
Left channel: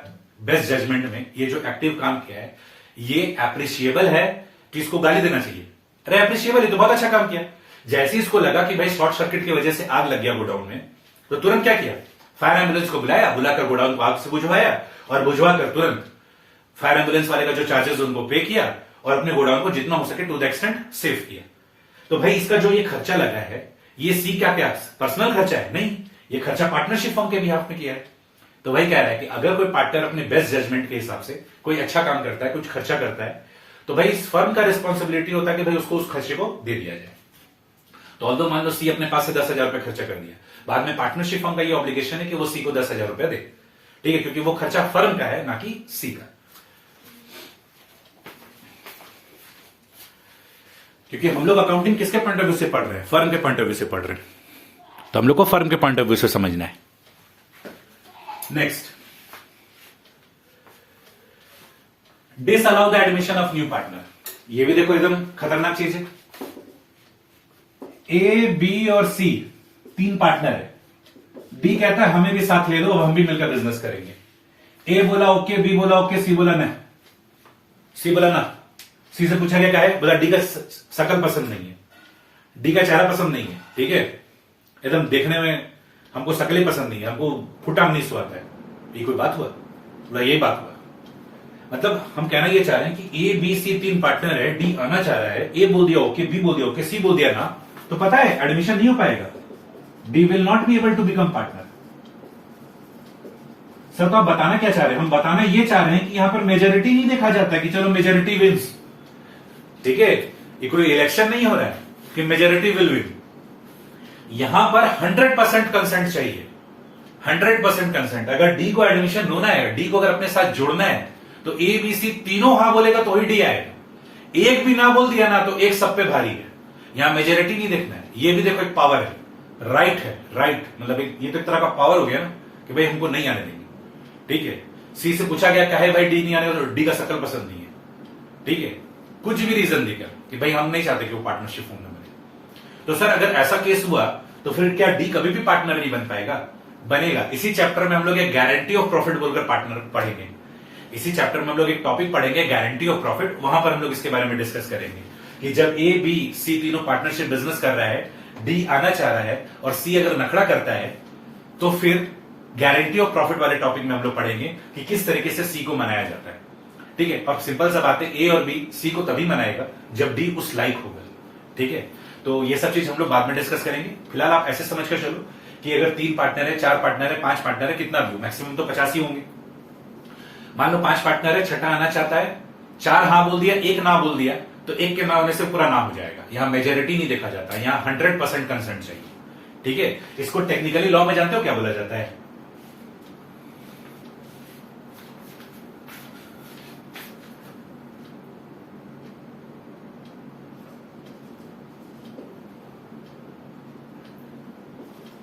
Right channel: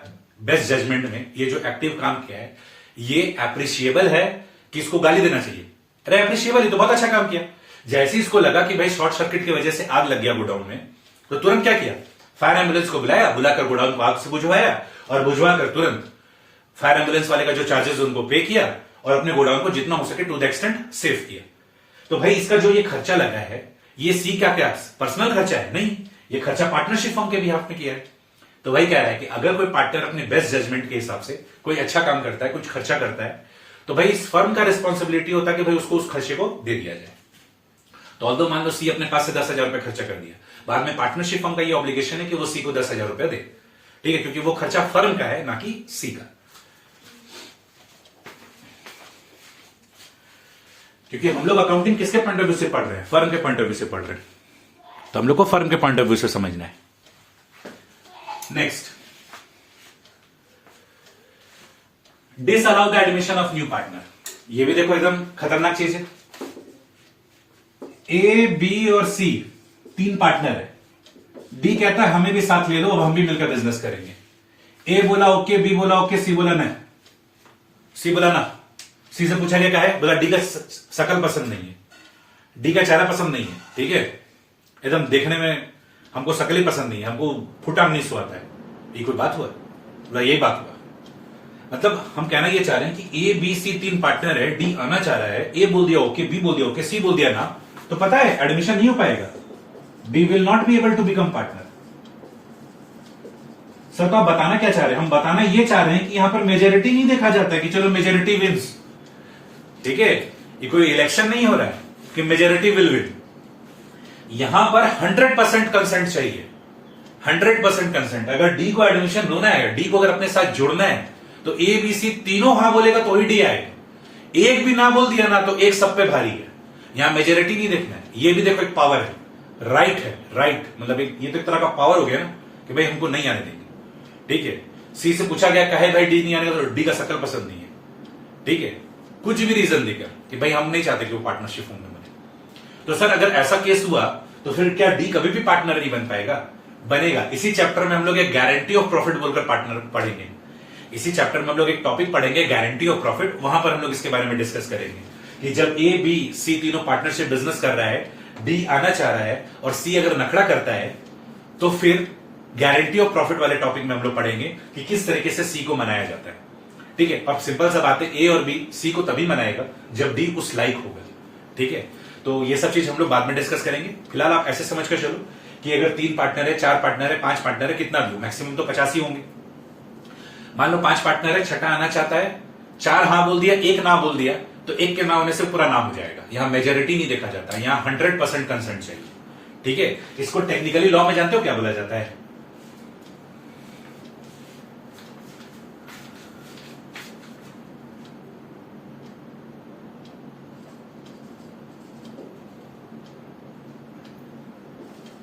बेस्ट जजमेंट में ये जो एक्टिव काम किया है, ये एप्रिशिएबल है कि इसको गाली देना चाहिए? अरे एप्रिशिएबल, ये तो बहुत अच्छा काम किया। जैसे इसको लगा कि भाई शॉर्ट सर्किट की वजह से आग लग गया गोडाउन में, तो तुरंत क्या किया, फायर एम्बुलेंस को बुलाया, बुलाकर गोडाउन को आग से बुझवाया और बुझवाकर तुरंत फायर एम्बुलेंस वाले का जो चार्जेस उनको पे किया और अपने गोडाउन को जितना हो सके टू द एक्सटेंट सेव किया। तो भाई इसका जो ये खर्चा लगा है, ये सी का क्या पर्सनल खर्चा है? नहीं, ये खर्चा पार्टनरशिप फर्म के बिहाफ में किया है। तो वही कह रहा है कि अगर कोई पार्टनर अपने बेस्ट जजमेंट के हिसाब से कोई अच्छा काम करता है, कुछ खर्चा करता है, तो भाई इस फर्म का रिस्पॉन्सिबिलिटी होता है कि भाई उसको उस खर्चे को दे दिया जाए। तो ऑल्दो मान लो सी अपने पास से 10,000 रुपए खर्चा कर दिया, बाद में पार्टनरशिप फर्म का ये ऑब्लिगेशन है कि वो सी को 10,000 रुपया दे, ठीक है, क्योंकि वो खर्चा फर्म का है ना कि सी का। क्योंकि हम लोग अकाउंटिंग किसके पॉइंट ऑफ व्यू से पढ़ रहे हैं? फर्म के पॉइंट ऑफ व्यू से पढ़ रहे हैं, तो हम लोग को फर्म के पॉइंट ऑफ व्यू से समझना है। Next, disallow the admission of new partner. ये भी देखो एकदम खतरनाक चीज है। ए, बी और सी तीन पार्टनर है। डी कहता है हमें भी साथ ले लो, अब हम भी मिलकर बिजनेस करेंगे। ए बोला ओके, बी बोला ओके, सी बोला नहीं, सी बोला ना। सी से पूछा गया क्या है, बोला डी का शकल पसंद नहीं है, डी का चेहरा पसंद नहीं है, ठीक है, एकदम देखने में हमको शकल ही पसंद नहीं है, हमको फुटा नहीं स्वाद है। ये कोई बात हुआ? बोला यही बात हुआ। मतलब हम कहना ये चाह रहे हैं कि ए, बी, सी तीन पार्टनर है, डी आना चाह रहा है, ए बोल दिया ओके, बी बोल दिया ओके, सी बोल दिया ना, तो पता है एडमिशन नहीं हो पाएगा। They will not be able to become partner. Sir तो आप बताना क्या चाह रहे हैं? हम बताना ये चाह रहे हैं कि यहां पर मेजोरिटी नहीं देखा जाता कि चलो मेजोरिटी विन्स, ठीक है, ये कोई इलेक्शन नहीं हो रहा है कि मेजोरिटी विल विन। यहां पर 100% कंसेंट चाहिए, 100% कंसेंट। अगर डी को एडमिशन होना है, डी को अगर अपने साथ जोड़ना है, तो ए, बी, सी तीनों हां बोलेगा तो ही डी आएगा। एक भी ना बोल दिया ना तो एक सब पे भारी है। यहां मेजोरिटी नहीं देखना है। ये भी देखो एक पावर है, राइट है, राइट मतलब ये तो एक तरह का पावर हो गया ना कि भाई हमको नहीं आने देंगे, ठीक है। सी से पूछा गया कहे भाई डी नहीं आने का, तो डी का शकल पसंद नहीं है, ठीक है, कुछ भी रीजन देकर कि भाई हम नहीं चाहते कि वो पार्टनरशिप फॉर्म में बने। तो सर अगर ऐसा केस हुआ तो फिर क्या डी कभी भी पार्टनर नहीं बन पाएगा? बनेगा। इसी चैप्टर में हम लोग एक गारंटी ऑफ प्रॉफिट बोलकर पार्टनर पढ़ेंगे। इसी चैप्टर में हम लोग एक टॉपिक पढ़ेंगे गारंटी ऑफ प्रॉफिट, वहां पर हम लोग इसके बारे में डिस्कस करेंगे कि जब ए, बी, सी तीनों पार्टनरशिप बिजनेस कर रहा है, डी आना चाह रहा है और सी अगर नखड़ा करता है, तो फिर गारंटी ऑफ प्रॉफिट वाले टॉपिक में हम लोग पढ़ेंगे कि किस तरीके से सी को मनाया जाता है, ठीक है। और सिंपल सा बात है, ए और बी सी को तभी मनाएगा जब डी उस लाइक होगा, ठीक है। तो ये सब चीज हम लोग बाद में डिस्कस करेंगे। फिलहाल आप ऐसे समझ कर चलो कि अगर 3 पार्टनर है, 4 पार्टनर है, 5 पार्टनर है, कितना व्यू मैक्सिमम तो 50 ही होंगे। मान लो 5 पार्टनर है, छठा आना चाहता है, 4 हाँ बोल दिया, 1 ना बोल दिया, तो 1 के ना होने से पूरा नाम हो जाएगा। यहां मेजोरिटी नहीं देखा जाता, यहां 100% कंसेंट चाहिए, ठीक है। इसको टेक्निकली लॉ में जानते हो क्या बोला जाता है?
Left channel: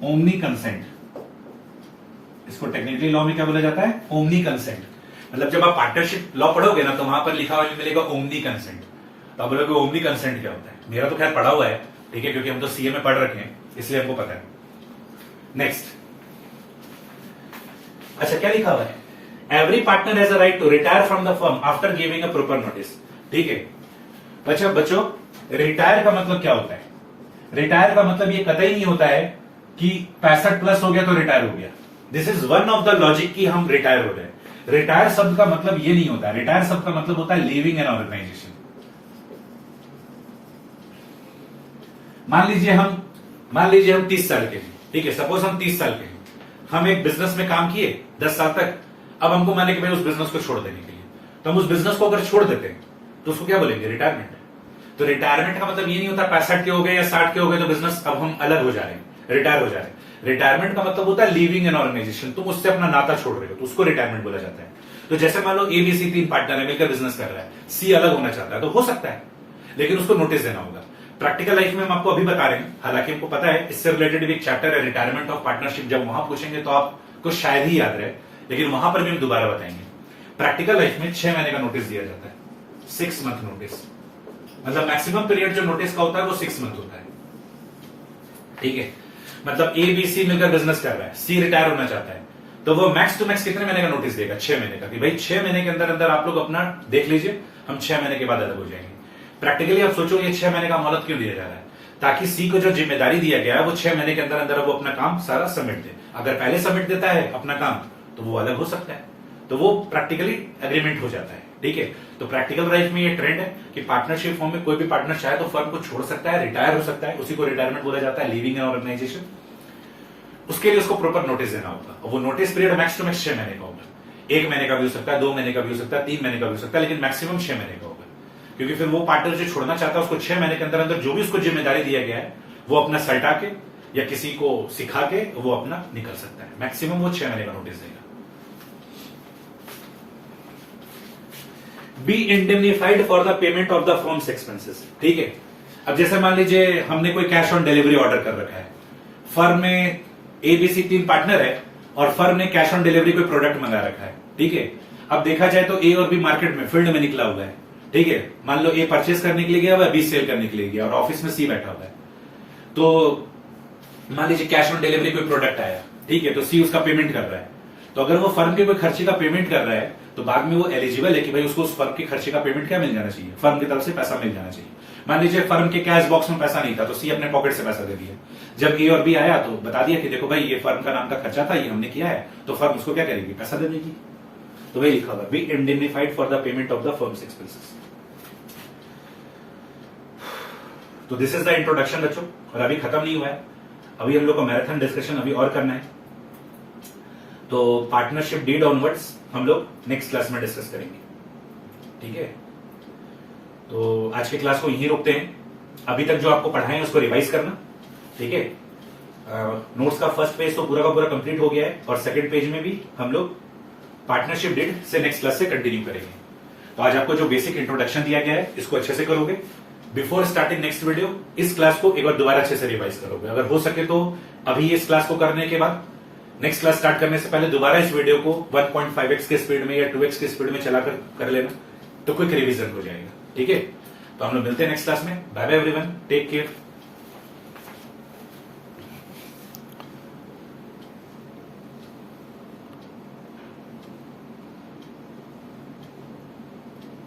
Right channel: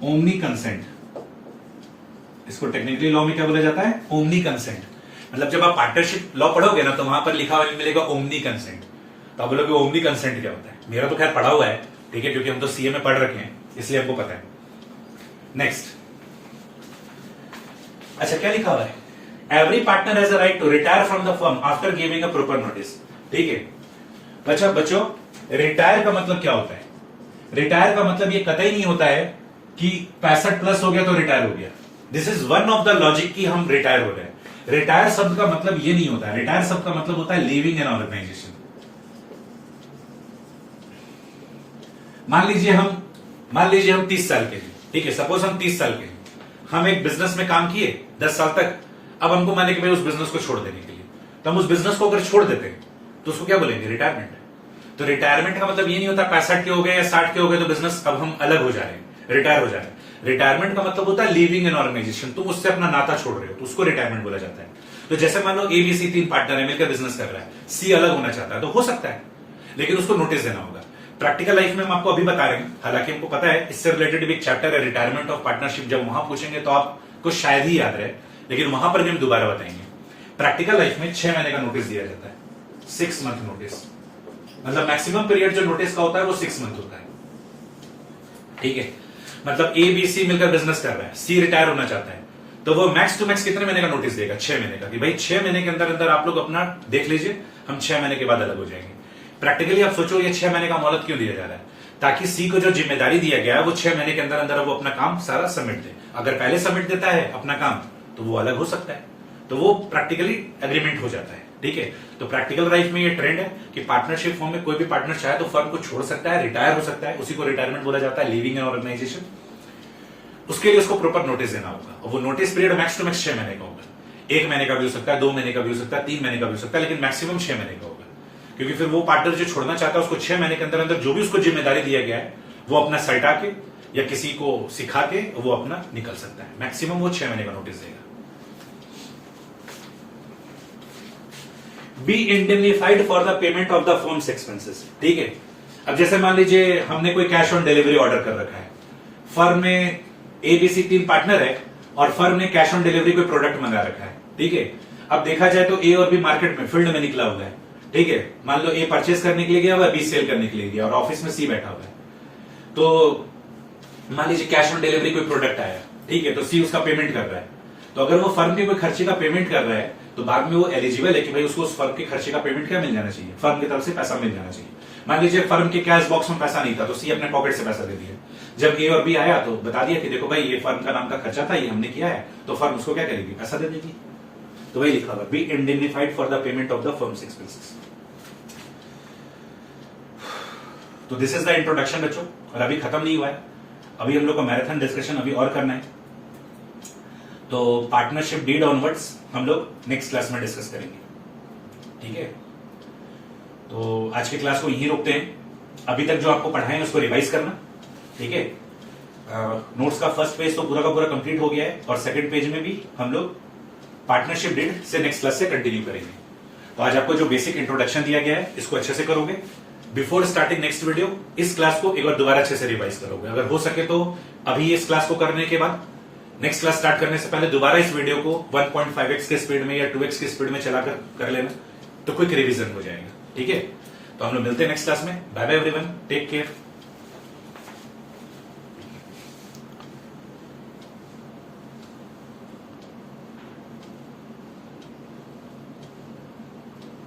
Omni consent. इसको टेक्निकली लॉ में क्या बोला जाता है? Omni consent. मतलब जब आप पार्टनरशिप लॉ पढ़ोगे ना तो वहां पर लिखा हुआ मिलेगा ओमनी कंसेंट। तो आप बोलोगे ओमनी कंसेंट क्या होता है? मेरा तो खैर पढ़ा हुआ है, ठीक है, क्योंकि हम तो सीए में पढ़ रखे हैं, इसलिए हमको पता है। नेक्स्ट, अच्छा क्या लिखा हुआ है? Every partner has a right to retire from the firm after giving a proper notice, ठीक है। अच्छा बच्चों, रिटायर का मतलब क्या होता है? रिटायर का मतलब ये कतई नहीं होता है कि 65 प्लस हो गया तो रिटायर हो गया। This is one of the logic कि हम रिटायर हो रहे हैं। रिटायर शब्द का मतलब ये नहीं होता है। रिटायर शब्द का मतलब होता है लीविंग एन ऑर्गेनाइजेशन। मान लीजिए हम 30 साल के हैं, ठीक है, सपोज हम 30 साल के हैं, हम एक बिजनेस में काम किए 10 साल तक, अब हमको माने कि भाई उस बिजनेस को छोड़ देने के लिए, तो हम उस बिजनेस को अगर छोड़ देते हैं तो उसको क्या बोलेंगे? रिटायरमेंट। तो रिटायरमेंट का मतलब ये नहीं होता 65 के हो गए या 60 के हो गए तो बिजनेस अब हम अलग हो जा रहे हैं, रिटायर हो जा रहे हैं। रिटायरमेंट का मतलब होता है लीविंग एन ऑर्गेनाइजेशन, तुम उससे अपना नाता छोड़ रहे हो, तो उसको रिटायरमेंट बोला जाता है। तो जैसे मान लो एबीसी 3 पार्टनर है, मिलकर बिजनेस कर रहा है, सी अलग होना चाहता है तो हो सकता है, लेकिन उसको नोटिस देना होगा। प्रैक्टिकल लाइफ में हम आपको अभी बता रहे हैं, हालांकि हमको पता है इससे रिलेटेड भी एक चैप्टर है रिटायरमेंट ऑफ पार्टनरशिप, जब वहां पूछेंगे तो आपको शायद ही याद रहे, लेकिन वहां पर भी हम दोबारा बताएंगे। प्रैक्टिकल लाइफ में 6 महीने का नोटिस दिया जाता है, 6 मंथ नोटिस, मतलब मैक्सिमम पीरियड जो नोटिस का होता है वो 6 मंथ होता है, ठीक है। मतलब ए बी सी मिलकर बिजनेस कर रहा है, सी रिटायर होना चाहता है, तो वो मैक्स टू मैक्स कितने महीने का नोटिस देगा? 6 महीने का, कि भाई 6 महीने के अंदर अंदर आप लोग अपना देख लीजिए, हम 6 महीने के बाद अलग हो जाएंगे। प्रैक्टिकली आप सोचो ये 6 महीने का मोहलत क्यों दिया जा रहा है? ताकि सी को जो जिम्मेदारी दिया गया है वो 6 महीने के अंदर अंदर वो अपना काम सारा सबमिट दे। अगर पहले सबमिट देता है अपना काम तो वो अलग हो सकता है, तो वो प्रैक्टिकली एग्रीमेंट हो जाता है, ठीक है। तो प्रैक्टिकल लाइफ में ये ट्रेंड है कि पार्टनरशिप फॉर्म में कोई भी पार्टनर चाहे तो फर्म को छोड़ सकता है, रिटायर हो सकता है, उसी को रिटायरमेंट बोला जाता है, लीविंग एन ऑर्गेनाइजेशन। उसके लिए उसको प्रॉपर नोटिस देना होगा, और वो notice period max to max 6 महीने का होगा। 1 महीने का भी हो सकता है, 2 महीने का भी हो सकता है, 3 महीने का भी हो सकता है, लेकिन मैक्सिमम 6 महीने का होगा। क्योंकि फिर वो पार्टनर जो छोड़ना चाहता है उसको 6 महीने के अंदर अंदर जो भी उसको जिम्मेदारी दिया गया है वो अपना सल्टा के या किसी को सिखा के वो अपना निकल सकता है। मैक्सिमम वो 6 महीने का नोटिस देगा। Be indemnified for the payment of the firm's expenses, ठीक है। अब जैसे मान लीजिए हमने कोई कैश ऑन डिलीवरी ऑर्डर कर रखा है, फर्म में एबीसी 3 पार्टनर है और फर्म ने कैश ऑन डिलीवरी कोई प्रोडक्ट मंगा रखा है, ठीक है। अब देखा जाए तो ए और बी मार्केट में फील्ड में निकला हुआ है, ठीक है। मान लो ए परचेस करने के लिए गया हुआ है, बी सेल करने के लिए गया, और ऑफिस में सी बैठा हुआ है। तो मान लीजिए कैश ऑन डिलीवरी कोई प्रोडक्ट आया, ठीक है, तो सी उसका पेमेंट कर रहा है। तो अगर वो फर्म के कोई खर्चे का पेमेंट कर रहा है तो बाद में वो एलिजिबल है कि भाई उसको उस फर्म के खर्चे का पेमेंट क्या मिल जाना चाहिए, फर्म की तरफ से पैसा मिल जाना चाहिए। मान लीजिए फर्म के कैश बॉक्स में पैसा नहीं था तो सी अपने पॉकेट से पैसा दे दिया। जब ए और बी आया तो बता दिया कि देखो भाई ये फर्म का नाम का खर्चा था, ये हमने किया है, तो फर्म उसको क्या करेगी? पैसा दे देगी। तो वही लिखा हुआ, be indemnified for the payment of the firm's expenses. तो दिस इज द इंट्रोडक्शन बच्चों, और अभी खत्म नहीं हुआ है, अभी हम लोग को मैराथन डिस्कशन अभी और करना है। तो पार्टनरशिप डीड ऑनवर्ड्स हम लोग नेक्स्ट क्लास में डिस्कस करेंगे, ठीक है। तो आज के क्लास को यहीं रोकते हैं। अभी तक जो आपको पढ़ाए हैं उसको रिवाइज करना, ठीक है। नोट्स का फर्स्ट पेज तो पूरा का पूरा कंप्लीट हो गया है, और सेकंड पेज में भी हम लोग पार्टनरशिप डीड से नेक्स्ट क्लास से कंटिन्यू करेंगे। तो आज आपको जो बेसिक इंट्रोडक्शन दिया गया है इसको अच्छे से करोगे। बिफोर स्टार्टिंग नेक्स्ट वीडियो इस क्लास को एक बार दोबारा अच्छे से रिवाइज करोगे। अगर हो सके तो अभी इस क्लास को करने के बाद नेक्स्ट क्लास स्टार्ट करने से पहले दोबारा इस वीडियो को 1.5x के स्पीड में या 2x के स्पीड में चलाकर कर लेना, तो क्विक रिवीजन हो जाएगा, ठीक है। तो हम लोग मिलते हैं नेक्स्ट क्लास में। Bye bye everyone, take care.